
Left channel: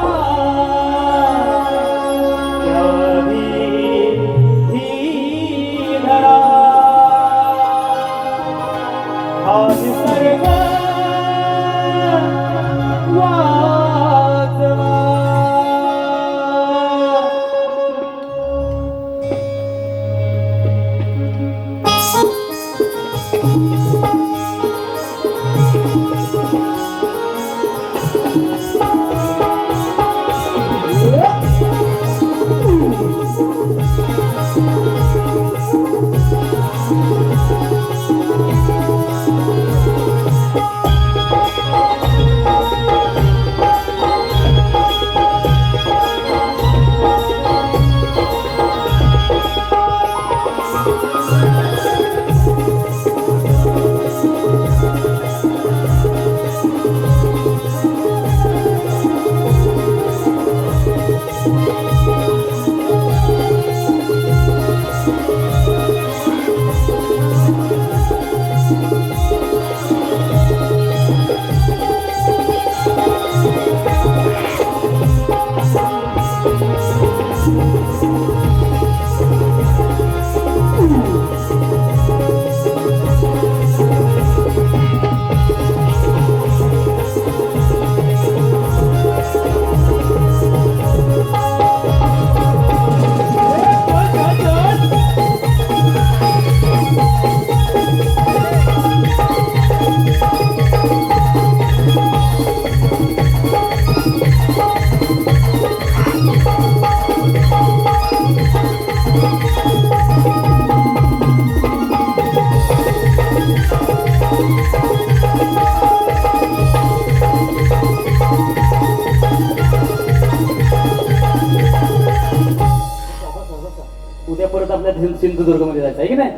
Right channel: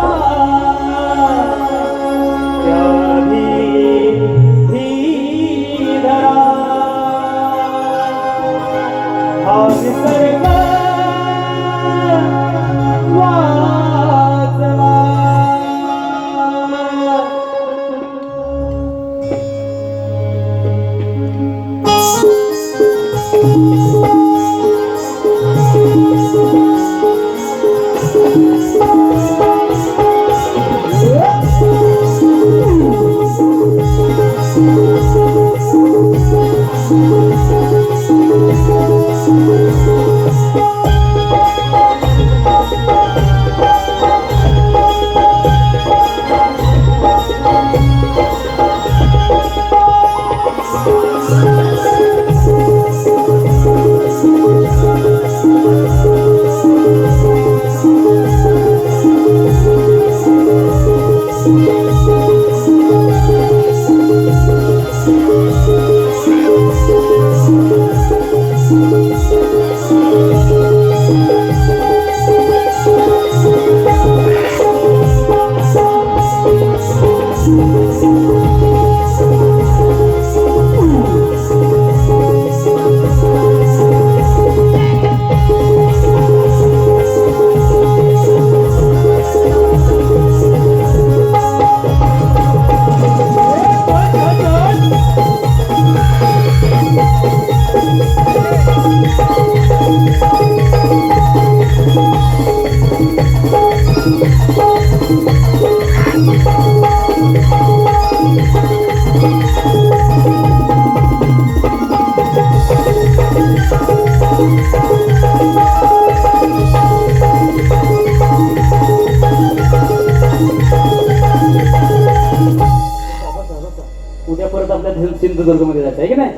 उद्या परत आपल्या सिंधुदुर्ग मध्ये जायचं आहे की नाही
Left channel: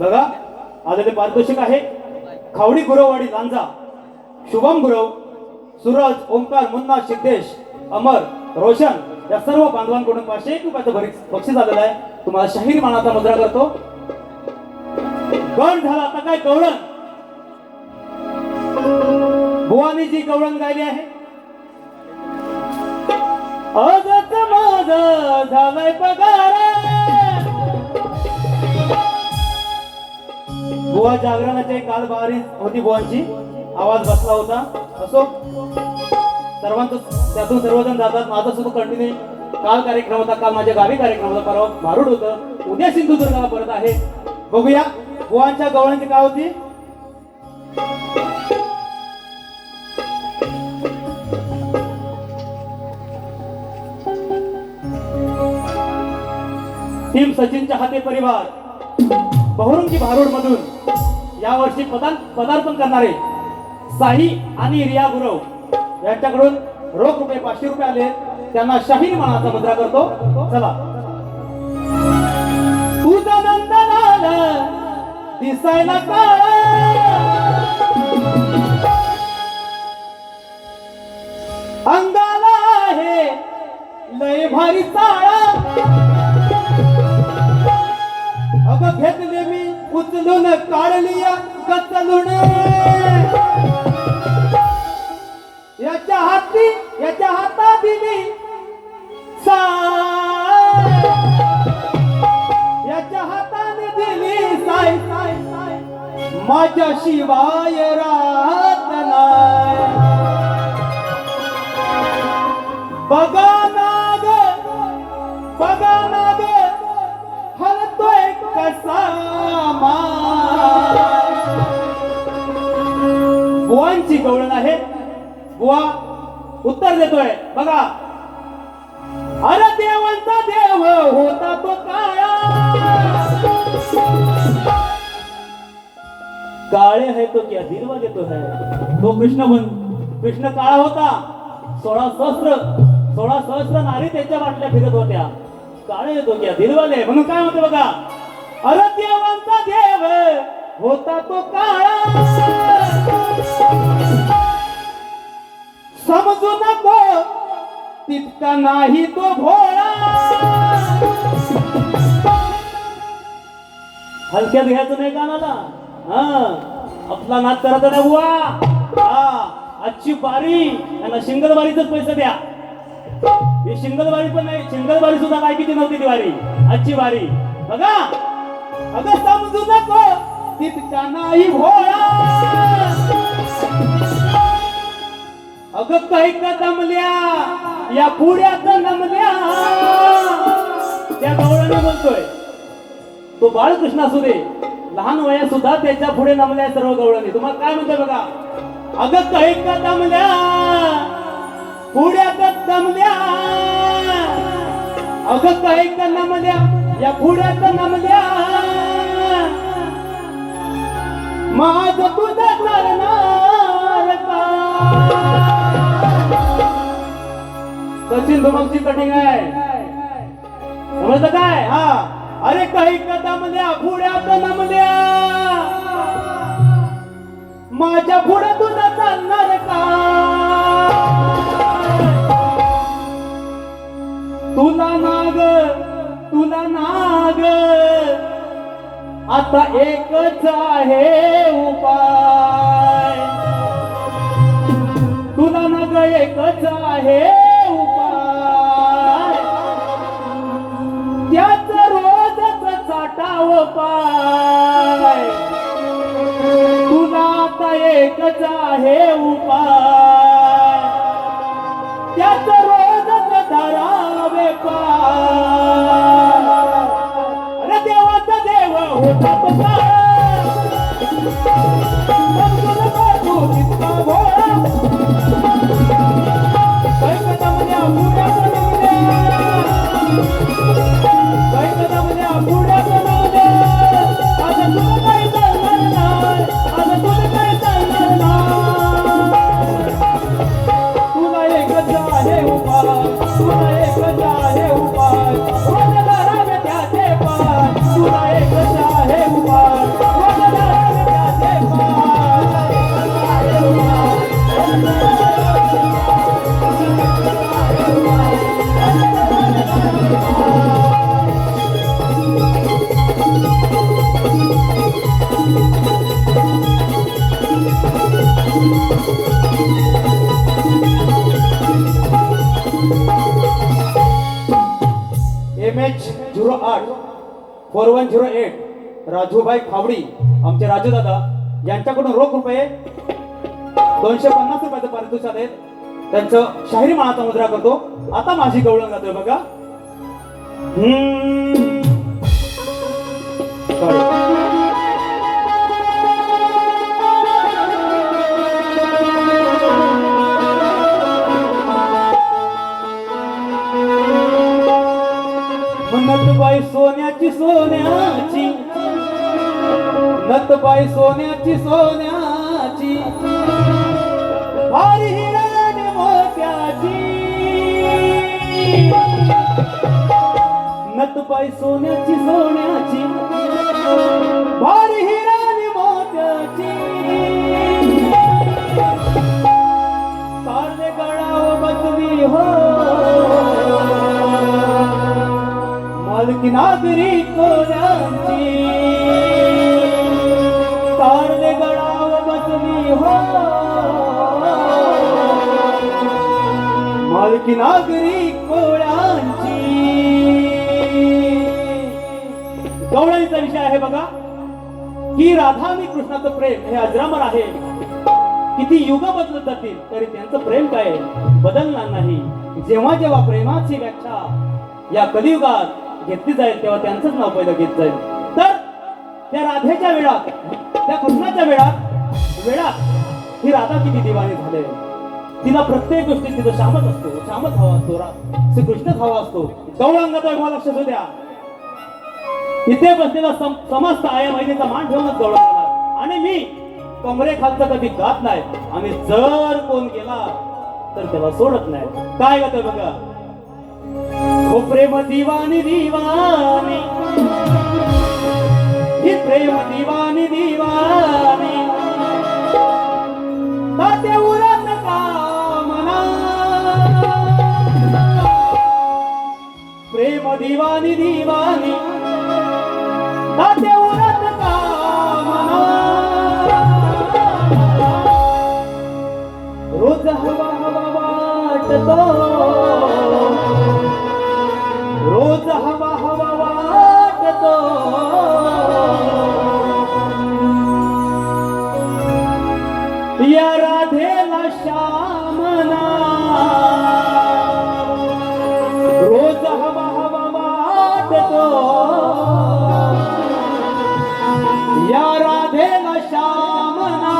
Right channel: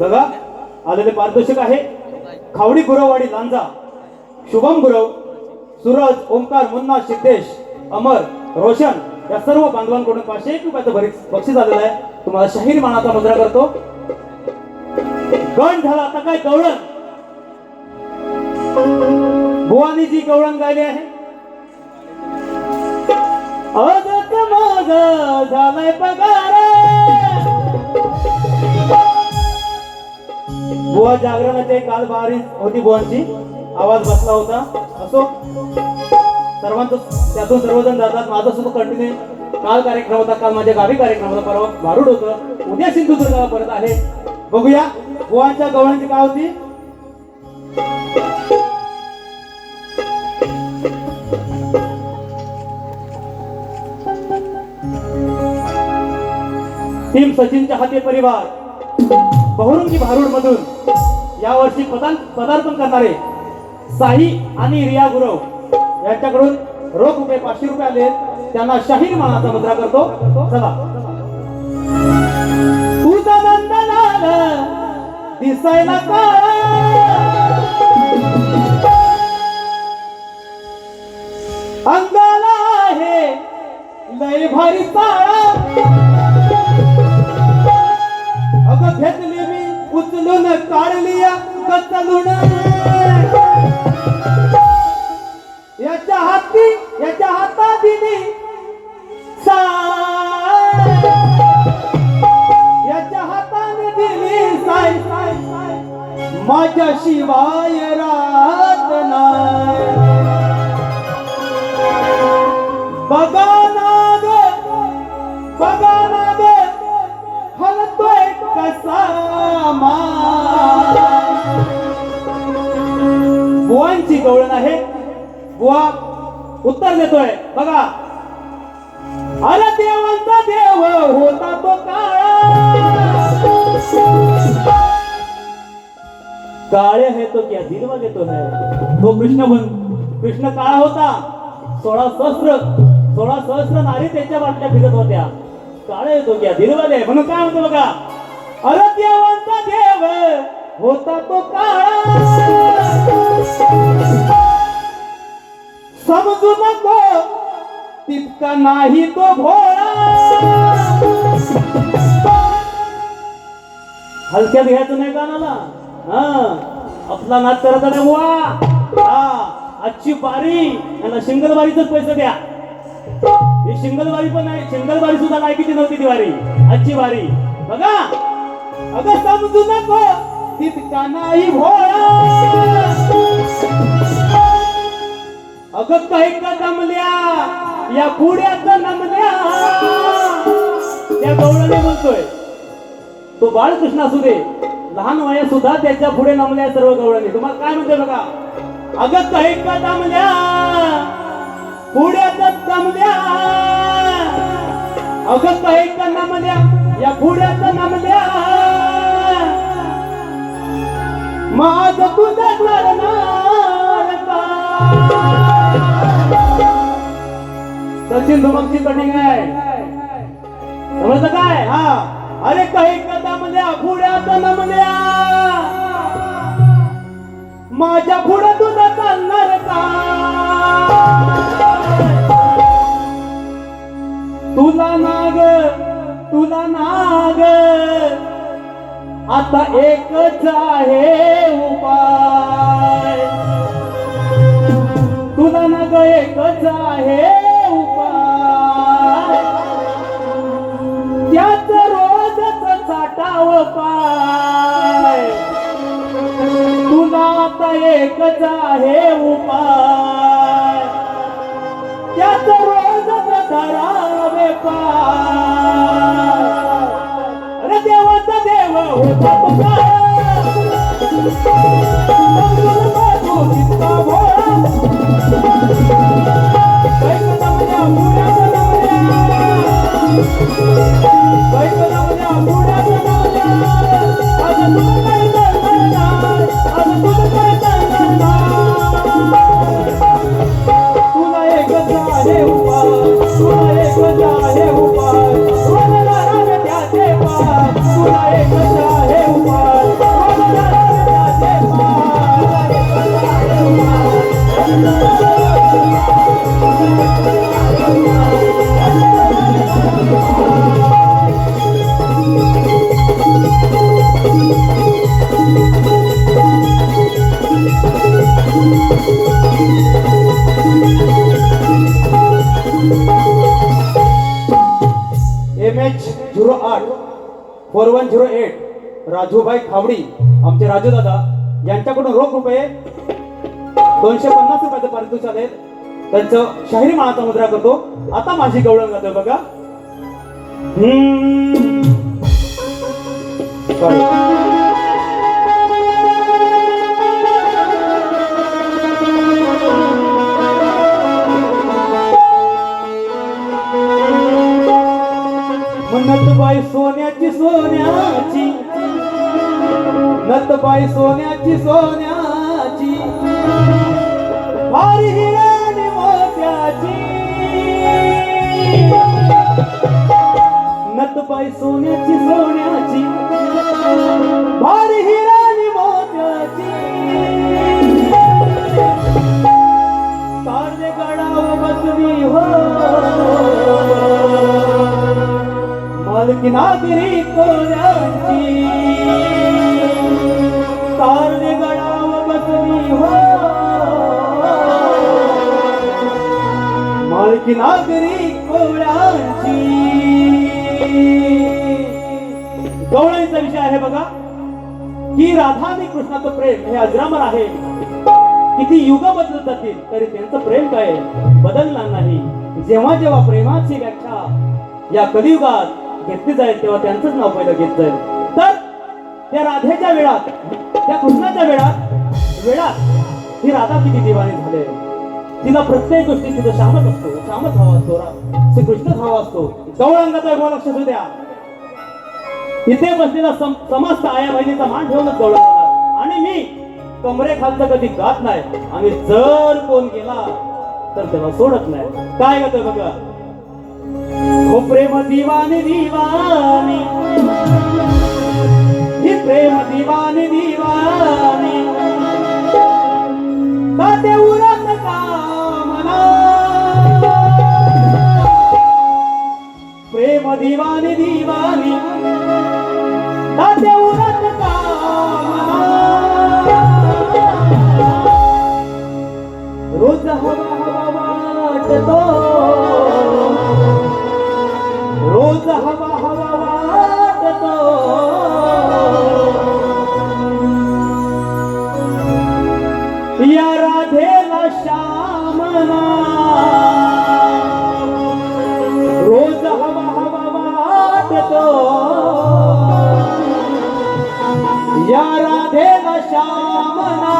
बघा आलेले पारितोषिक आहे खावडी गुरववाडी लांजा शुभम गुरव सूरज ओंकार मुन्ना सिद्धेश अमर रोशन या सर्व बांधवांकडून 501 रुपयाचं बक्षीस आलेलं आहे तुम्हाला शाहीर मानाचा मुद्रा करतो गण झाला आता काय गवळण बुवानी जी गवळण गायली आहे आजच माझा झालाय पगार बुवा जागरणाची काल भारी होती बुवांची आवाज बसला होता असो सर्वांचं त्यातून सर्वजण जातात माझा सुद्धा कंटिन्यू काल कार्यक्रम होता काल माझ्या गावी कार्यक्रम होता परवा भारूड होतं उद्या सिंधुदुर्गाला परत आहे बघूया बुवांच्या गवळांची काय होती टीम सचिनच्या हाती परिवार बहुरुंगी भारूड मधून यावर्षी पदार्पण करणारे साई आणि रिया गुरव यांच्याकडून रोख रुपये 500 रुपये आले त्यांना शाहीर मानाचा मुद्रा करतो चला तुझा मंदनाला दिसायला अंगाला आहे लय भारी चाळा माझ्या शिवाय रात नाही. बघा नाग हलतोय कसा बुवांची गवळण आहे. बुवा उत्तर देतोय बघा. अरे देवांचा देव होता तो काळे है तो क्या दिलवा देतो है. तो कृष्ण काळा होता. 16 सहस्र नारी त्याच्या वाटल्या फिरत होत्या. काळे तो क्या दिलवाले म्हणून काय म्हणतो बघा. अरे देवांचा देव होता तो काळा समजू नको तितका नाही तो भोळा. हलक्यात घ्यायचं नाही गाण्याला. आपला नाच करत ना बुवा. आजची बारी यांना शिंगलबारीच पैसे द्या. ही शिंगलबारी पण नाही. शिंगलबारी सुद्धा नाही किती नव्हती ती वारी. आजची बारी बघा. अगं समजू नको तितका नाही भोळा. अगं काही कदमल्या या पुढ्यात नमल्या. त्या गवळणी बोलतोय. तो बाळकृष्ण असू दे लहान वयात सुद्धा त्याच्या पुढे नमल्या सर्व गवळणी. तुम्हाला काय म्हणते बघा. अगं काही कदमल्या पुढ्यात नमल्या. अगं काही नमल्या या पुढ्यात नमल्या. माझ तुझं करणार का. सचिन धुमाची कटिंग आहे. समजलं काय. अरे काही कदमल्या पुढ्यात नमल्या. माझ्या पुढे तुझं करणार का. तुला नाग आता एकच आहे उपाय. तुला नाग एकच आहे उपाय. त्याच रोजच चाटाव पाय. तुला आता एकच आहे उपाय. त्याच रोजच धरावे पाय. अरे देवाचा देव होता तुझा तू कितना भोळा. काही कदमल्या पुढ्यात नमल्या. काही कदमल्या पुढ्यात नमल्या. असं तुझं काही चालणार नाही. असं तुझं काही चालणार नाही. तुला एकच आहे उपाय. तुला एकच आहे उपाय. रोजला रावे त्याचे पाय. तुला एकच आहे उपाय. रोजला रावे त्याचे पाय. एकच आहे उपाय. MH08 4108 राजूभाई खावडी आमचे राजू दादा यांच्याकडून रोख रुपये 250 रुपयाचं पारितोषिक आले. त्यांचं शाहिरी मानाचा मुद्रा करतो. आता माझी गवळण जातोय बघा. नतबाई सोन्याची सोन्याची. नतबाई सोन्याची सोन्याची. भारी हिराने मोत्याची. नतबाई सोन्याची सोन्याची. भारी हिराने मोत्याची. कारले गडाव बसवी हो मालकी नागरी कोऱ्यांची. कारले गडाव बसवी हो मालकी नागरी कोळ्यांची. गवळणीचा विषय आहे बघा. की राधा आणि कृष्णाचं प्रेम हे अजरामर आहे. किती युग बदलत जातील तरी त्यांचं प्रेम काय बदलणार नाही. जेव्हा जेव्हा प्रेमाची व्याख्या या कलियुगात घेतली जाईल तेव्हा त्यांचंच नाव पहिलं घेत जाईल. तर त्या राधेच्या वेळात, त्या कृष्णाच्या वेळात ही राधा किती दिवाणी झाले. तिला प्रत्येक गोष्टी तिथं श्यामच असतो, श्यामच हवा असतो, श्रीकृष्णच हवा असतो. गौरांगाचा लक्ष असू द्या, इथे बसलेला समस्त आया बहिणीचा मान ठेवूनच गौरांगा. आणि मी कमरे खालचं कधी गात नाही, आणि जर कोण गेला तर त्याला सोडत नाही. काय होतं बघा, हो प्रेम दिवानी दिवानी, ही प्रेम दिवानी दिवानी, तात्या उरात कामना, प्रेम दिवानी दिवानी, तात्या उरात कामना, रोज हवा हवा वाटतो, रोज हवा हवा वाटतो, या राधेला श्यामना, रोज हवा हवा वाटतो, या राधेला श्यामना.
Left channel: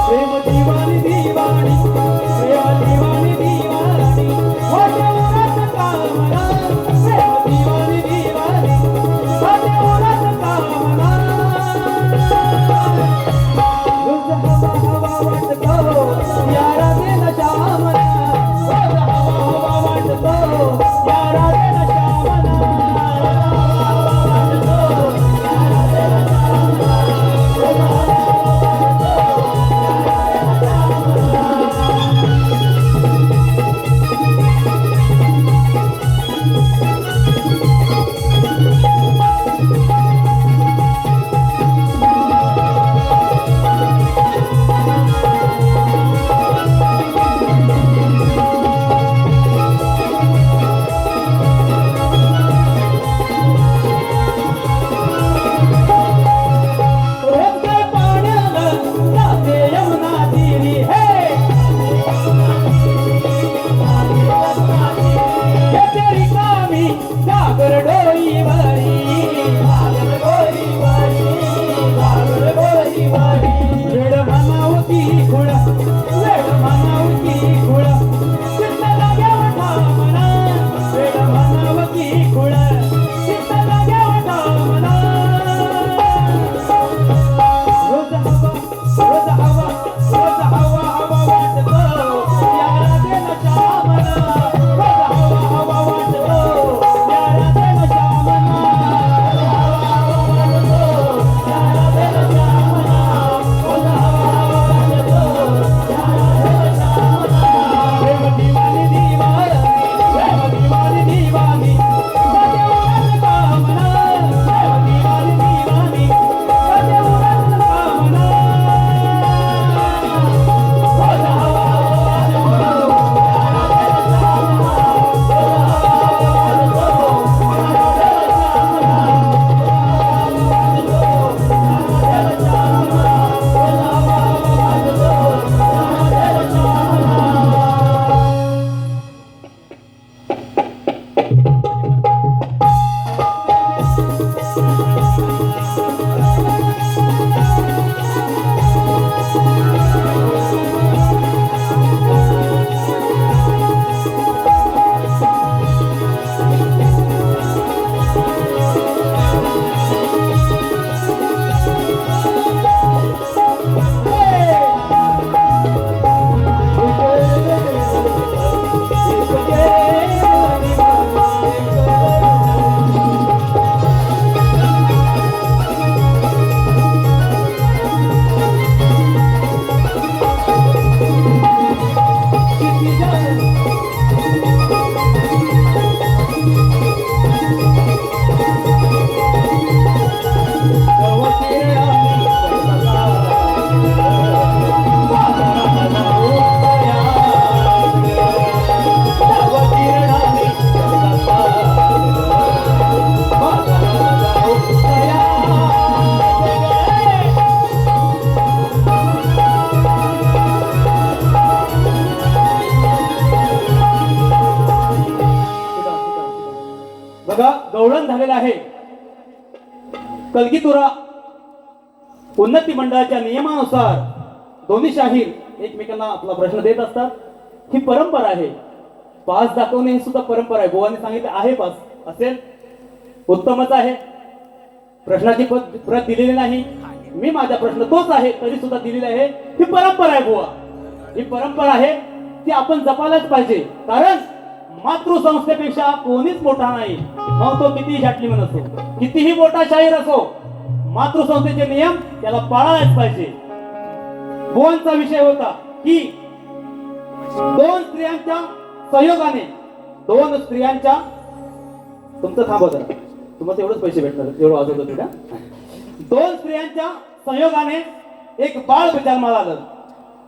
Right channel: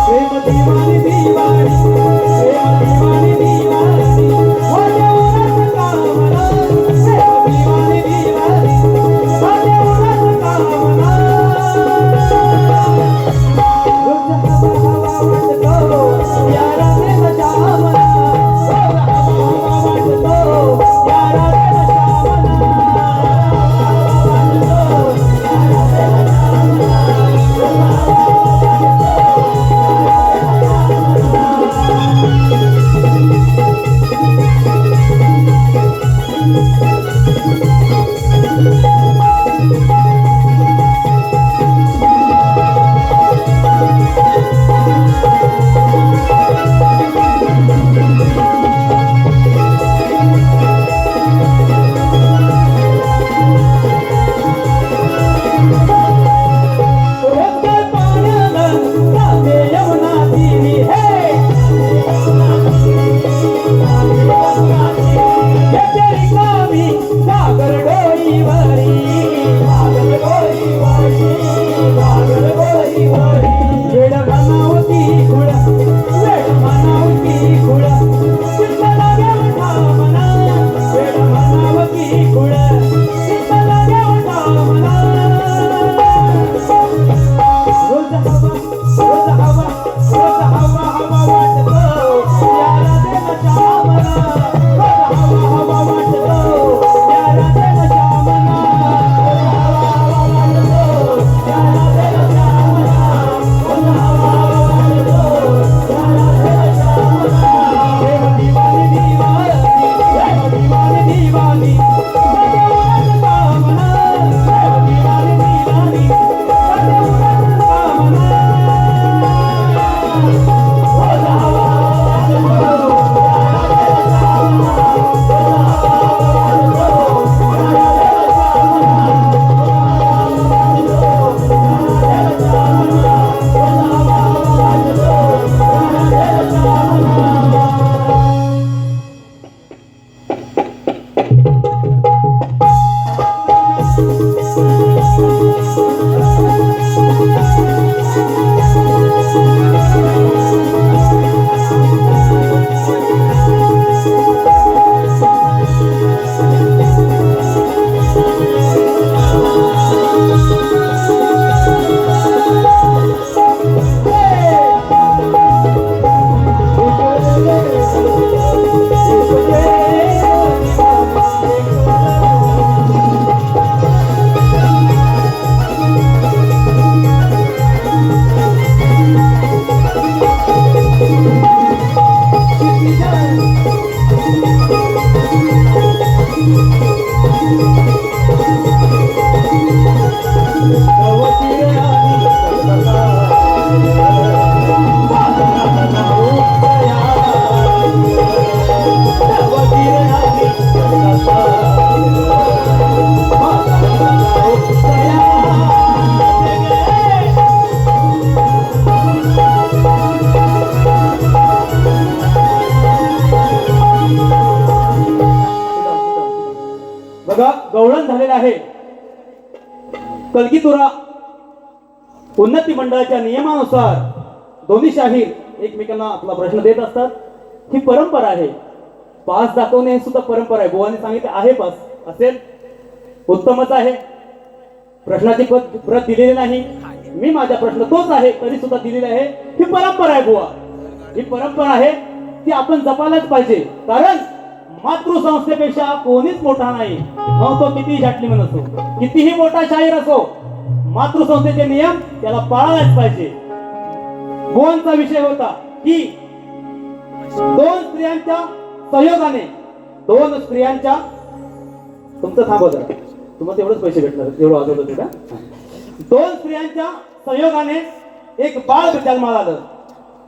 प्रेम दिवानी दिवानी, प्रेम दिवानी दिवानी. कलगीतुरा उन्नती मंडळाच्या नियमानुसार दोन्ही शाहीर एकमेकांना आपला प्रश्न देत असतात. ही परंपरा आहे. पास दाखवणे ही सुद्धा परंपरा आहे. बुवाने सांगितलं आहे पास असेल उत्तमच आहे. प्रश्नाची प्रत दिलेली नाही. मी माझा प्रश्न तोच आहे तरी सुद्धा दिलेली आहे. ही परंपरा आहे बुवा. ही परंपरा आहे ती आपण जपायलाच पाहिजे. कारण मातृसंस्थेपेक्षा कोणीच मोठा नाही. मग तो कितीही जाटलीमन असो, कितीही मोठा शाहीर असो, मातृसंस्थेचे नियम त्याला पाळायच पाहिजे. बुवांचा विषय होता की दोन स्त्रियांच्या संयोगाने, दोन स्त्रियांच्या, तुमचं थांबव जरा, तुम्हाला एवढंच पैसे भेटणार एवढं वाजत होते का. दोन स्त्रियांच्या संयोगाने एक बाळ जन्माला आलं.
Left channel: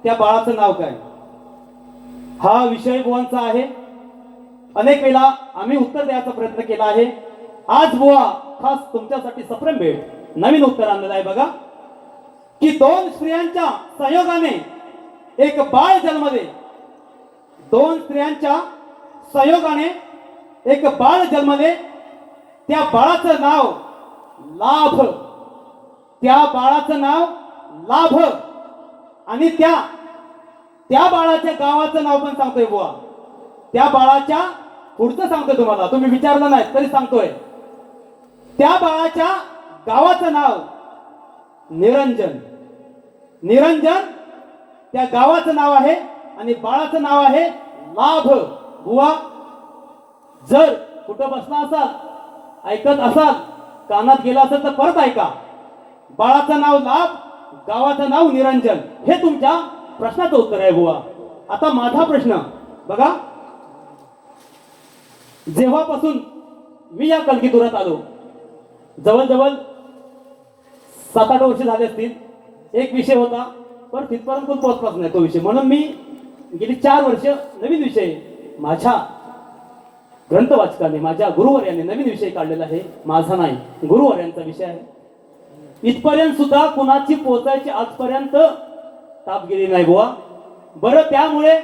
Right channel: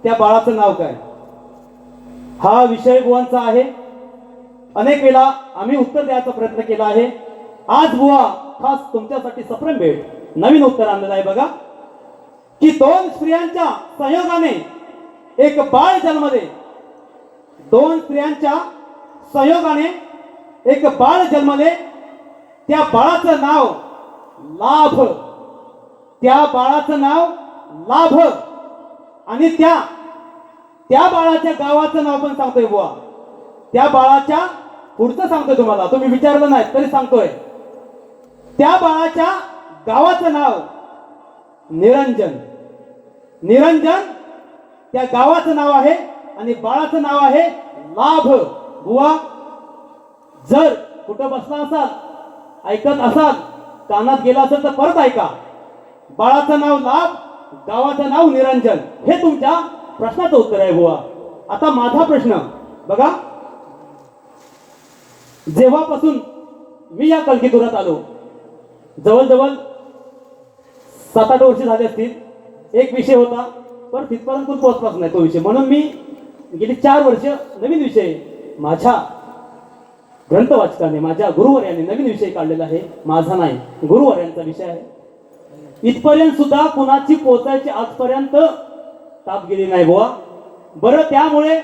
त्या बाळाचं नाव काय. हा विषय बुवांचा आहे. अनेक वेळा आम्ही उत्तर द्यायचा प्रयत्न केला आहे. आज बुवा खास तुमच्यासाठी सप्रेम भेट नवीन उत्तर आणलेलं आहे बघा. की दोन स्त्रियांच्या संयोगाने एक बाळ जन्मले. दोन स्त्रियांच्या संयोगाने एक बाळ जन्मले. त्या बाळाचं नाव लाभ. त्या बाळाचं नाव लाभ. आणि त्या बाळाच्या गावाचं नाव पण सांगतोय बुवा. त्या बाळाच्या पुढचं सांगतोय तुम्हाला, तुम्ही विचारलं नाही तरी सांगतोय. त्या बाळाच्या गावाचं नाव निरंजन. निरंजन त्या गावाचं नाव आहे आणि बाळाचं नाव आहे लाभ. बुवा जर कुठं बसला असाल, ऐकत असाल, कानात गेला असेल तर परत ऐका. बाळाचं नाव लाभ, गावाचं नाव निरंजन. हे तुमच्या प्रश्नाचं उत्तर आहे बुवा. आता माझा प्रश्न बघा. जेव्हापासून मी या कलगीतुरात आलो, जवळजवळ 7-8 वर्ष झाले असतील. एक विषय होता पण तिथपर्यंत पोहोचलाच नाही तो विषय. म्हणून मी गेली 4 वर्ष नवीन विषय माझ्या ग्रंथवाचकाने, माझ्या गुरुवर्याने नवीन विषय काढलेला आहे. माझा नाही, गुरुवर्यांचा विषय आहे. इथपर्यंत सुद्धा कुणाची पोहोचायची आजपर्यंत ताप गेली नाही बुवा. बरं त्यामुळे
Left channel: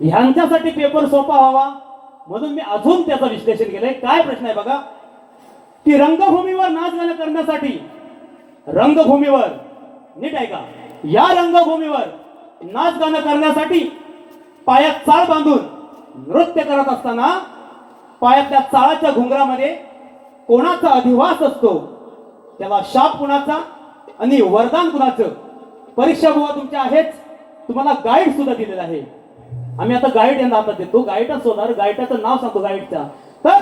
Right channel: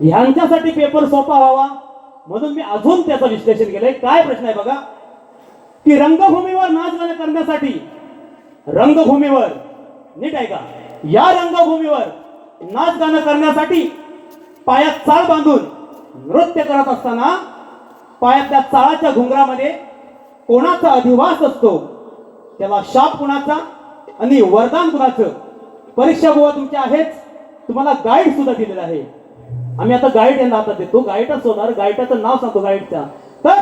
ह्यांच्यासाठी पेपर सोपा व्हावा म्हणून मी अजून त्याचं विश्लेषण केलंय. काय प्रश्न आहे बघा. की रंगभूमीवर नाच गाणं करण्यासाठी, रंगभूमीवर नीट आहे का, या रंगभूमीवर नाच गाणं करण्यासाठी पायात चाळ बांधून नृत्य करत असताना पायातल्या चाळाच्या घुंगरामध्ये कोणाचा अधिवास असतो, त्याला शाप कुणाचा आणि वरदान कुणाचं. परीक्षा बुवा तुमच्या आहेच. तुम्हाला गाईड सुद्धा दिलेला आहे. आम्ही आता गाईड यांना हातात देतो. गाईडच होणार. गाईडाचं नाव सांगतो गाईडचा. तर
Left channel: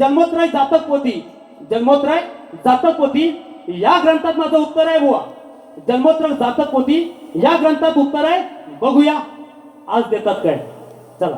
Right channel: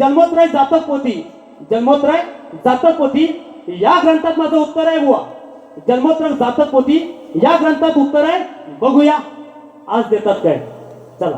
जन्मोत्रय जातक पोथी, जन्मोत्रय जातक पोथी या ग्रंथात माझं उत्तर आहे बुवा. जन्मोत्रय जातक पोथी या ग्रंथात उत्तर आहे. बघूया आज देतात काय. चला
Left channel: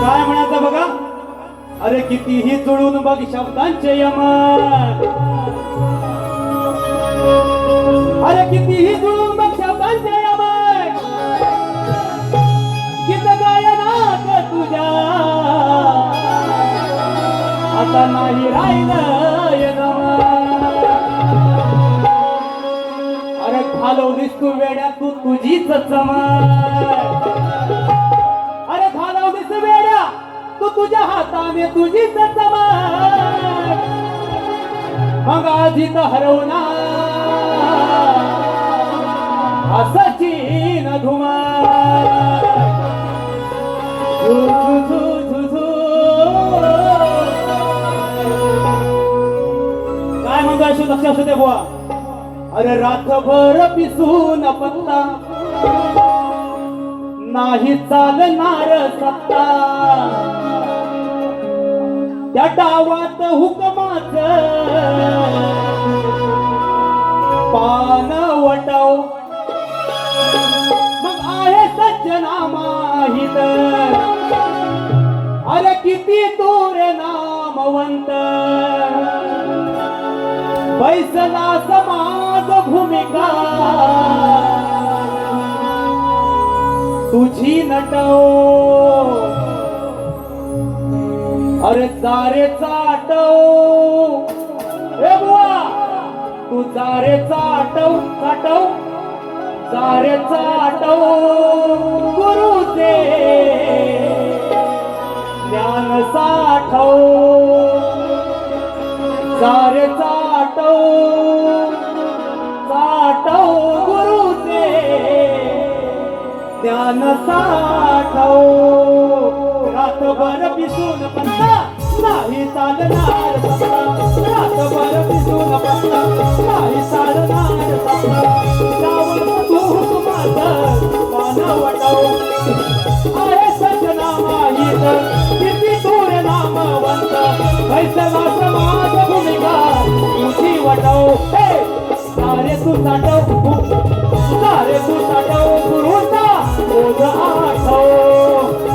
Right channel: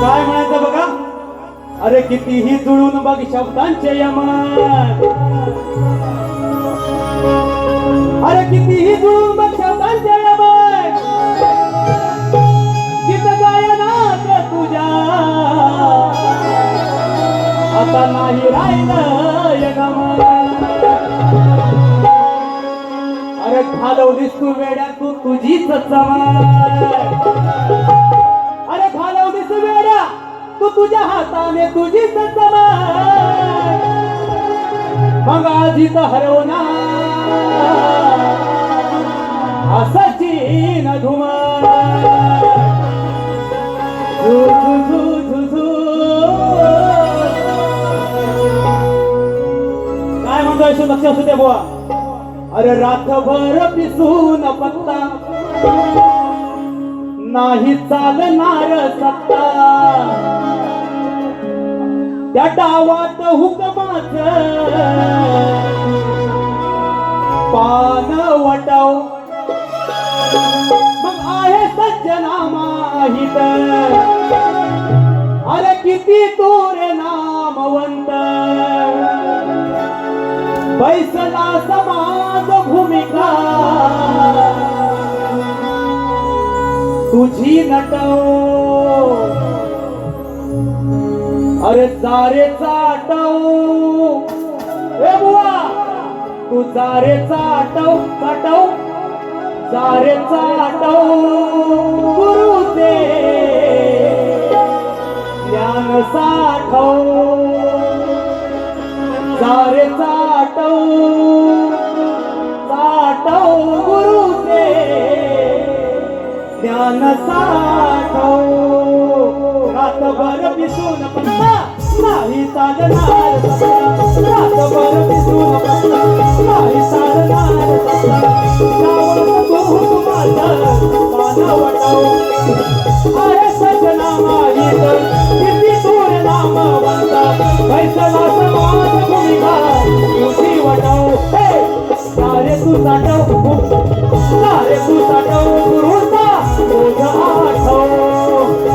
काय म्हणायचं बघा. अरे कितीही जुळून बघ शब्दांचे यमान, अरे कितीही जुळून बघ शब्दांचे यमान, गीत गायनात तुझ्या घालवलीस तू वेड्या तू तुझीच चमक अरे घालवलीस वेड्या तू तुझ्या हाताने तुझीच चमक मग आधी तर हरवणार असाची न घुमा झू झू झू झू झू काय म्हणतोय लक्ष असू दे बुवा अरे रात्रभर पिसून पत्ता नाही चालणार सत्ता त्या डावात हुकमाच पान वटव मग आहे सज्जना माहित अरे किती दूर नामवंत बैसला समाज भूमिका तुझी नटव अरे जारे चाटव ए बुवा तू जारे चाटव चाटव जारे चाटव गुरुचे ज्ञान साठव जारे चाटव चाटव गुरुचे ज्ञान साठव रातभर पिसून पत्ता नाही चालणार सत्ता रातभर पिसून पत्ता नाही चालणार सत्ता गावात तू माझं पानवटव अरे सजना माहित किती दूर नामवंत बैसला समाज भूमिका तुझी वटव सारे तू साठव सारे तू साठव गुरुचा तुझा आठव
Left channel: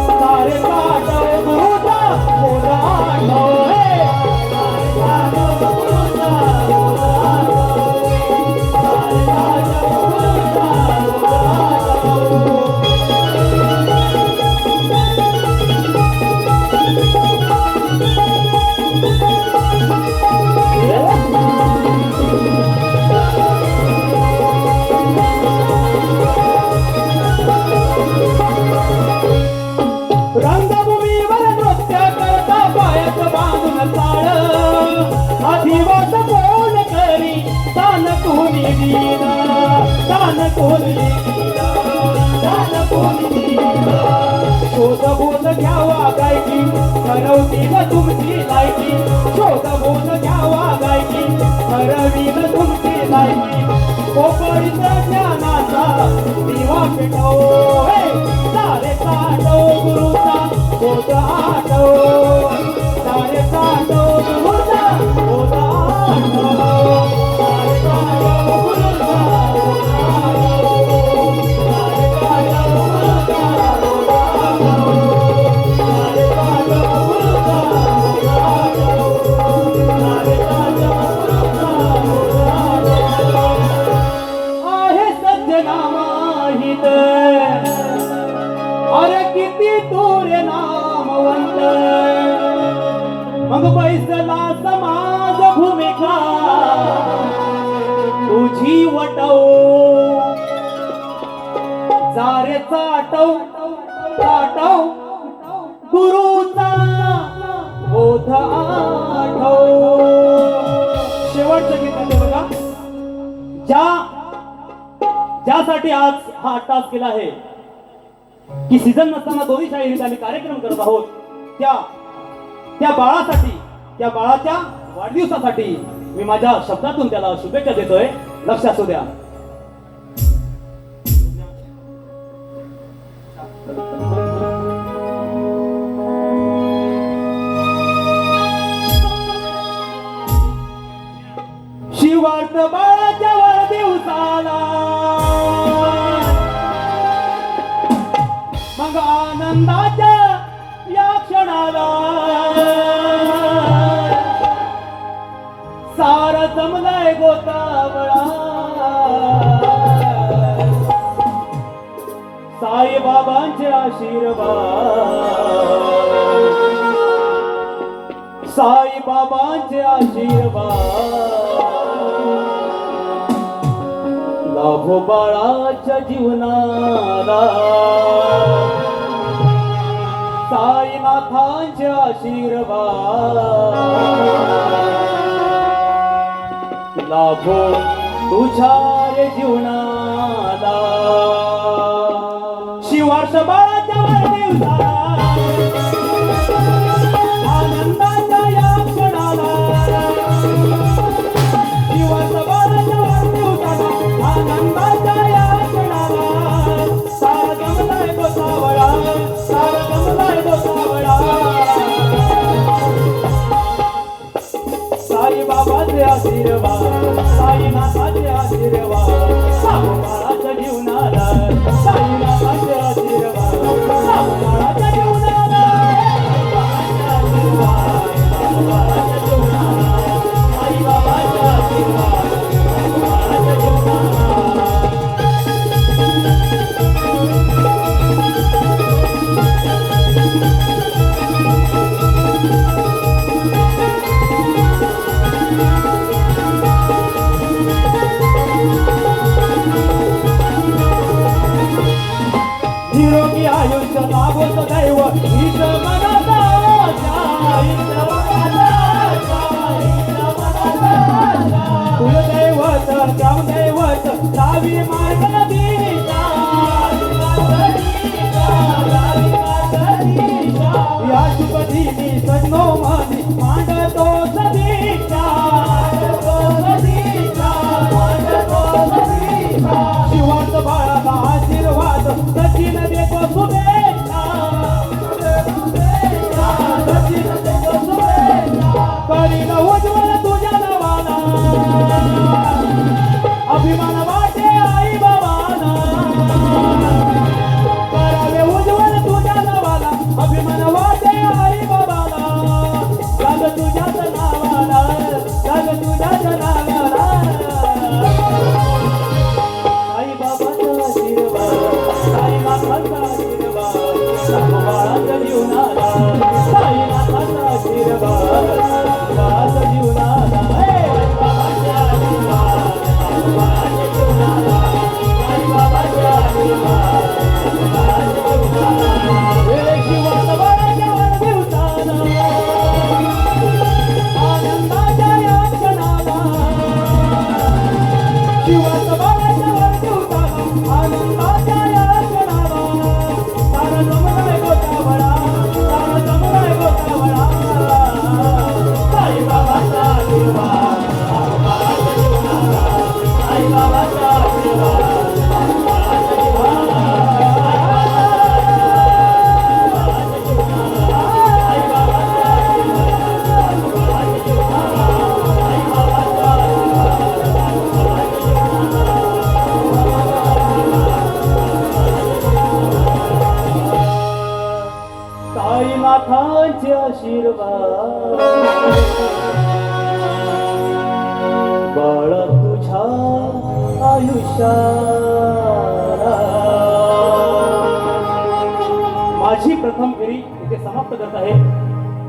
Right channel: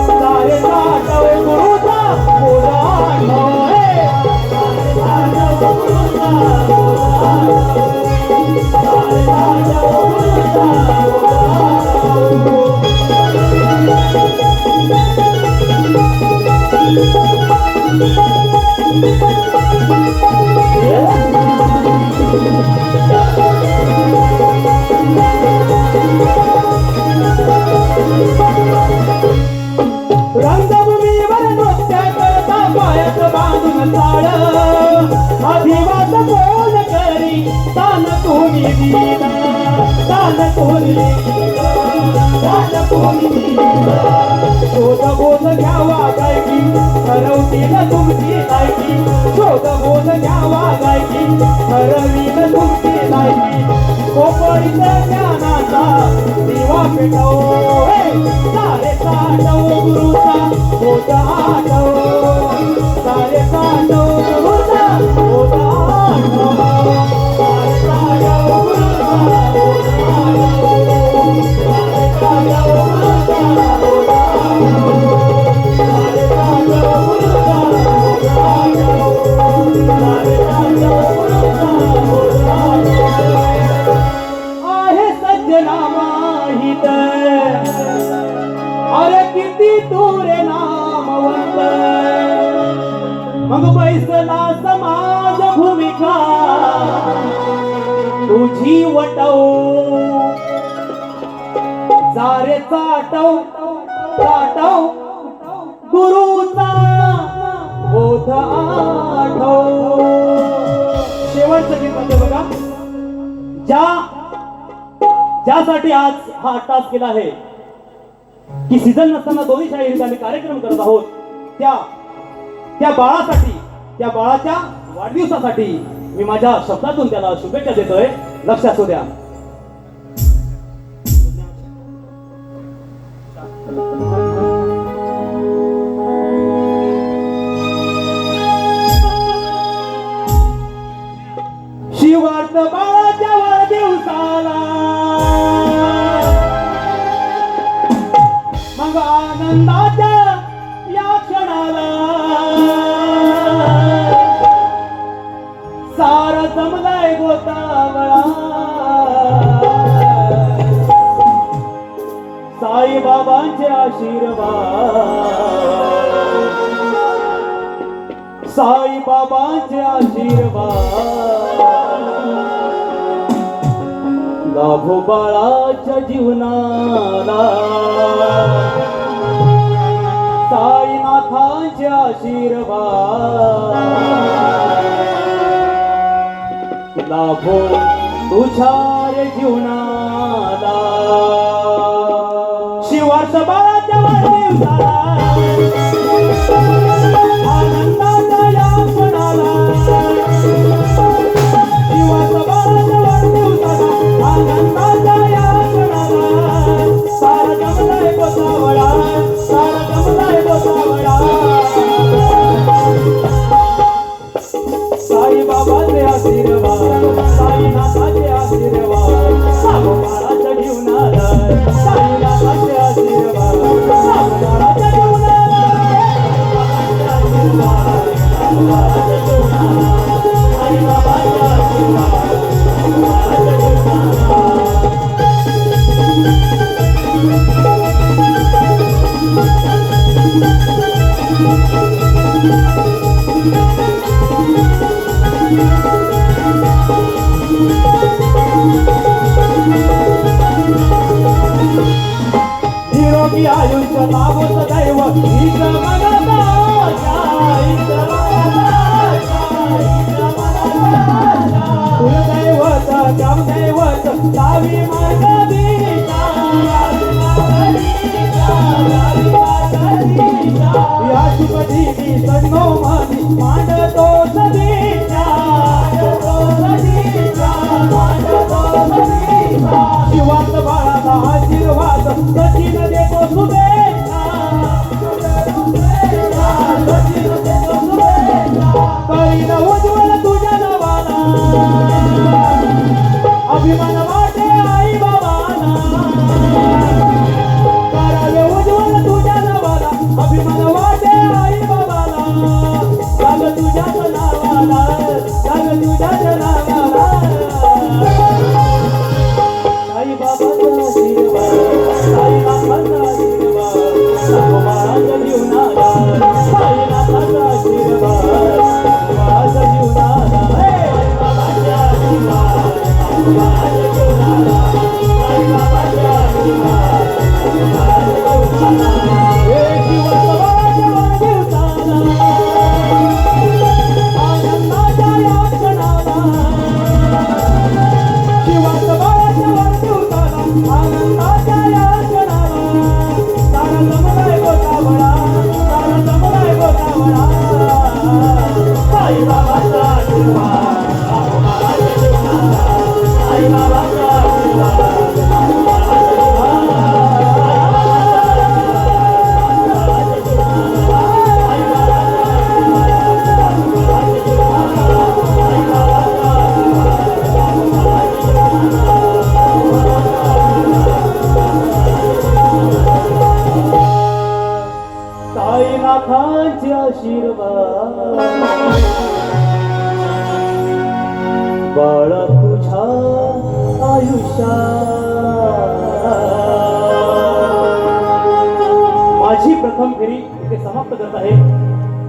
सारे साठव गुरुचा तुझा रंगभूमीवर नृत्य करता पायात बांधून ताळ अधिवास कोण करी तान कोणी दिला तान कोणी दिला तान कोणी दिला शोध बोध घ्यावा गायकी ठरवतील तुमची लायकी शोध बोध घ्यावा गायकी ठरवील तुमची लायकी कोपरीचा ज्ञानाचा दिवा पेटव सारे साठव गुरुचा होता आठव सारे साठव गुरुचा होता आठव सारे साठव गुरुचा होता आठव सारे साठव गुरुचा होता आठव सारे साठव गुरुचा होता आठव सारे साठव गुरुचा होता आठव आहे सज्जना माहित अरे किती दूर नामवंत मग बैसला समाज भूमिका तुझी वटव जारे चाटव चाटव गुरुचा बोध आठव शेवटचं गीत आहे बघा ज्यासाठी आज हा टास्क केला आहे की सीझन नसताना दोन्ही शाळेत आम्ही कार्यक्रम करत आहोत त्या बाळासाठी त्या बाळाच्या वाढदिवसासाठी मी माझ्या शब्दातून त्याला शुभेच्छा देतोय लक्ष असू द्या शिवार्थ बाळाच्या वाढदिवसाला मग आनंदाच्या या क्षणाला सार जमलाय गोतावळा लाभो बाळाच्या जीवनाला साईनाथांचे आशीर्वाद, लाभो तुझ्या रे जीवनाला शिवास बाळाच्या वाढदिवसाला आनंदाच्या या क्षणाला शिवास बाळाच्या वाढदिवसाला आनंदाच्या या क्षणाला सारा जमलाय गोसावळा, सारा जमलाय गोसावळा साई बाबाचे आशीर्वाद, साईनाथाचे आशीर्वाद, लाभो बाळाच्या जीवनाला साईनाथाचे आशीर्वाद, लाभो बाळाच्या जीवनाला बाळाच्या जीवनाला साई बाबाचे आशीर्वाद, बाळाच्या जीवनाला निरोगी आयुष्य लाभो सदैव हीच मनाचा आशा, हीच मनाचा आशा, हीच मनाचा आशा. कुलदैवत ग्रामदैवत लावी मार्ग दिशा, या शुभदिनी सन्नो माझी मांडतो सदिच्छा, शिवास बाळाला आशीर्वाद सचिन देतो शुभेच्छा, सचिन देतो शुभेच्छा. करीन उज्ज्वल तुझ्या नावाला अभिमान वाटे आई बाबाला, करावे उज्ज्वल तुझ्या नावाला अभिमान वाटे आई बाबाला, लाग तुझ्याच नावाला, लाग तुझ्याच नावाला साई बाबाचा आशीर्वाद, साईनाथाचा आशीर्वाद, लाभो बाळाच्या जीवनाला साईनाथाचा आशीर्वाद, बाळाच्या जीवनाला बाबाचे आशीर्वाद, बाळाच्या जीवनाला साई बाबाचे आशीर्वाद, बाळाच्या जीवनाला हे शिवास बाळाच्या वाढदिवसाला आनंदाच्या या क्षणाला शिवास बाळाच्या वाढदिवसाला आनंदाच्या या क्षणाला सारा जमलाय गोसावळा, सारा जमलाय गोसावळा साई बाबाचा आशीर्वाद, बाळाच्या जीवनाला साई बाबाचा आशीर्वाद, साईनाथांचे आशीर्वाद, बाळ तुझ्या आयुष्याला. माझी प्रथम फेरी इथे समाप्त करत आहे.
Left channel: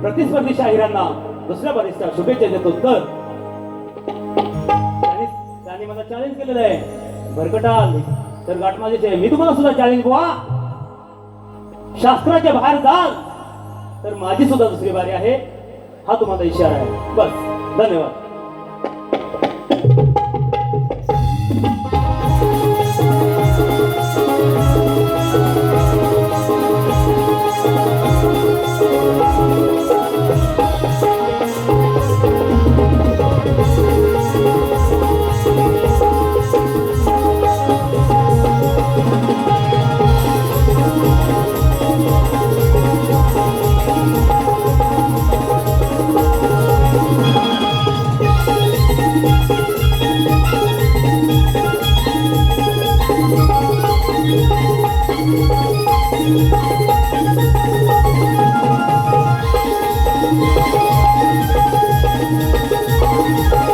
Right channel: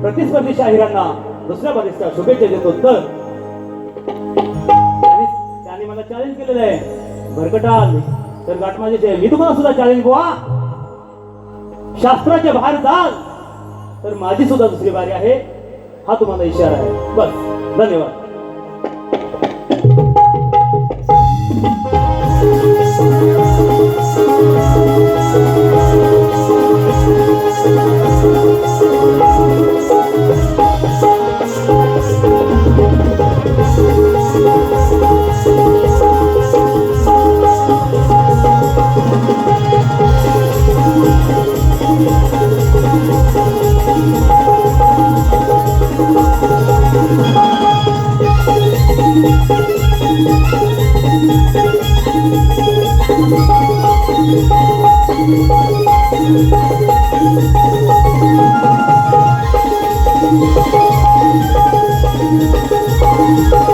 प्रतिस्पर्धी शाहिरांना दुसऱ्या बारीच्या शुभेच्छा देतो. तर त्यांनी मला चॅलेंज केलेलं आहे, भरकटाल तर गाठ माझ्याची आहे. मी तुम्हाला सुद्धा चॅलेंज बुवा, शास्त्राच्या बाहेर जाल तर माझी सुद्धा दुसरी बारी आहे, हा तुम्हाला इशारा आहे. बस, धन्यवाद. Thank you.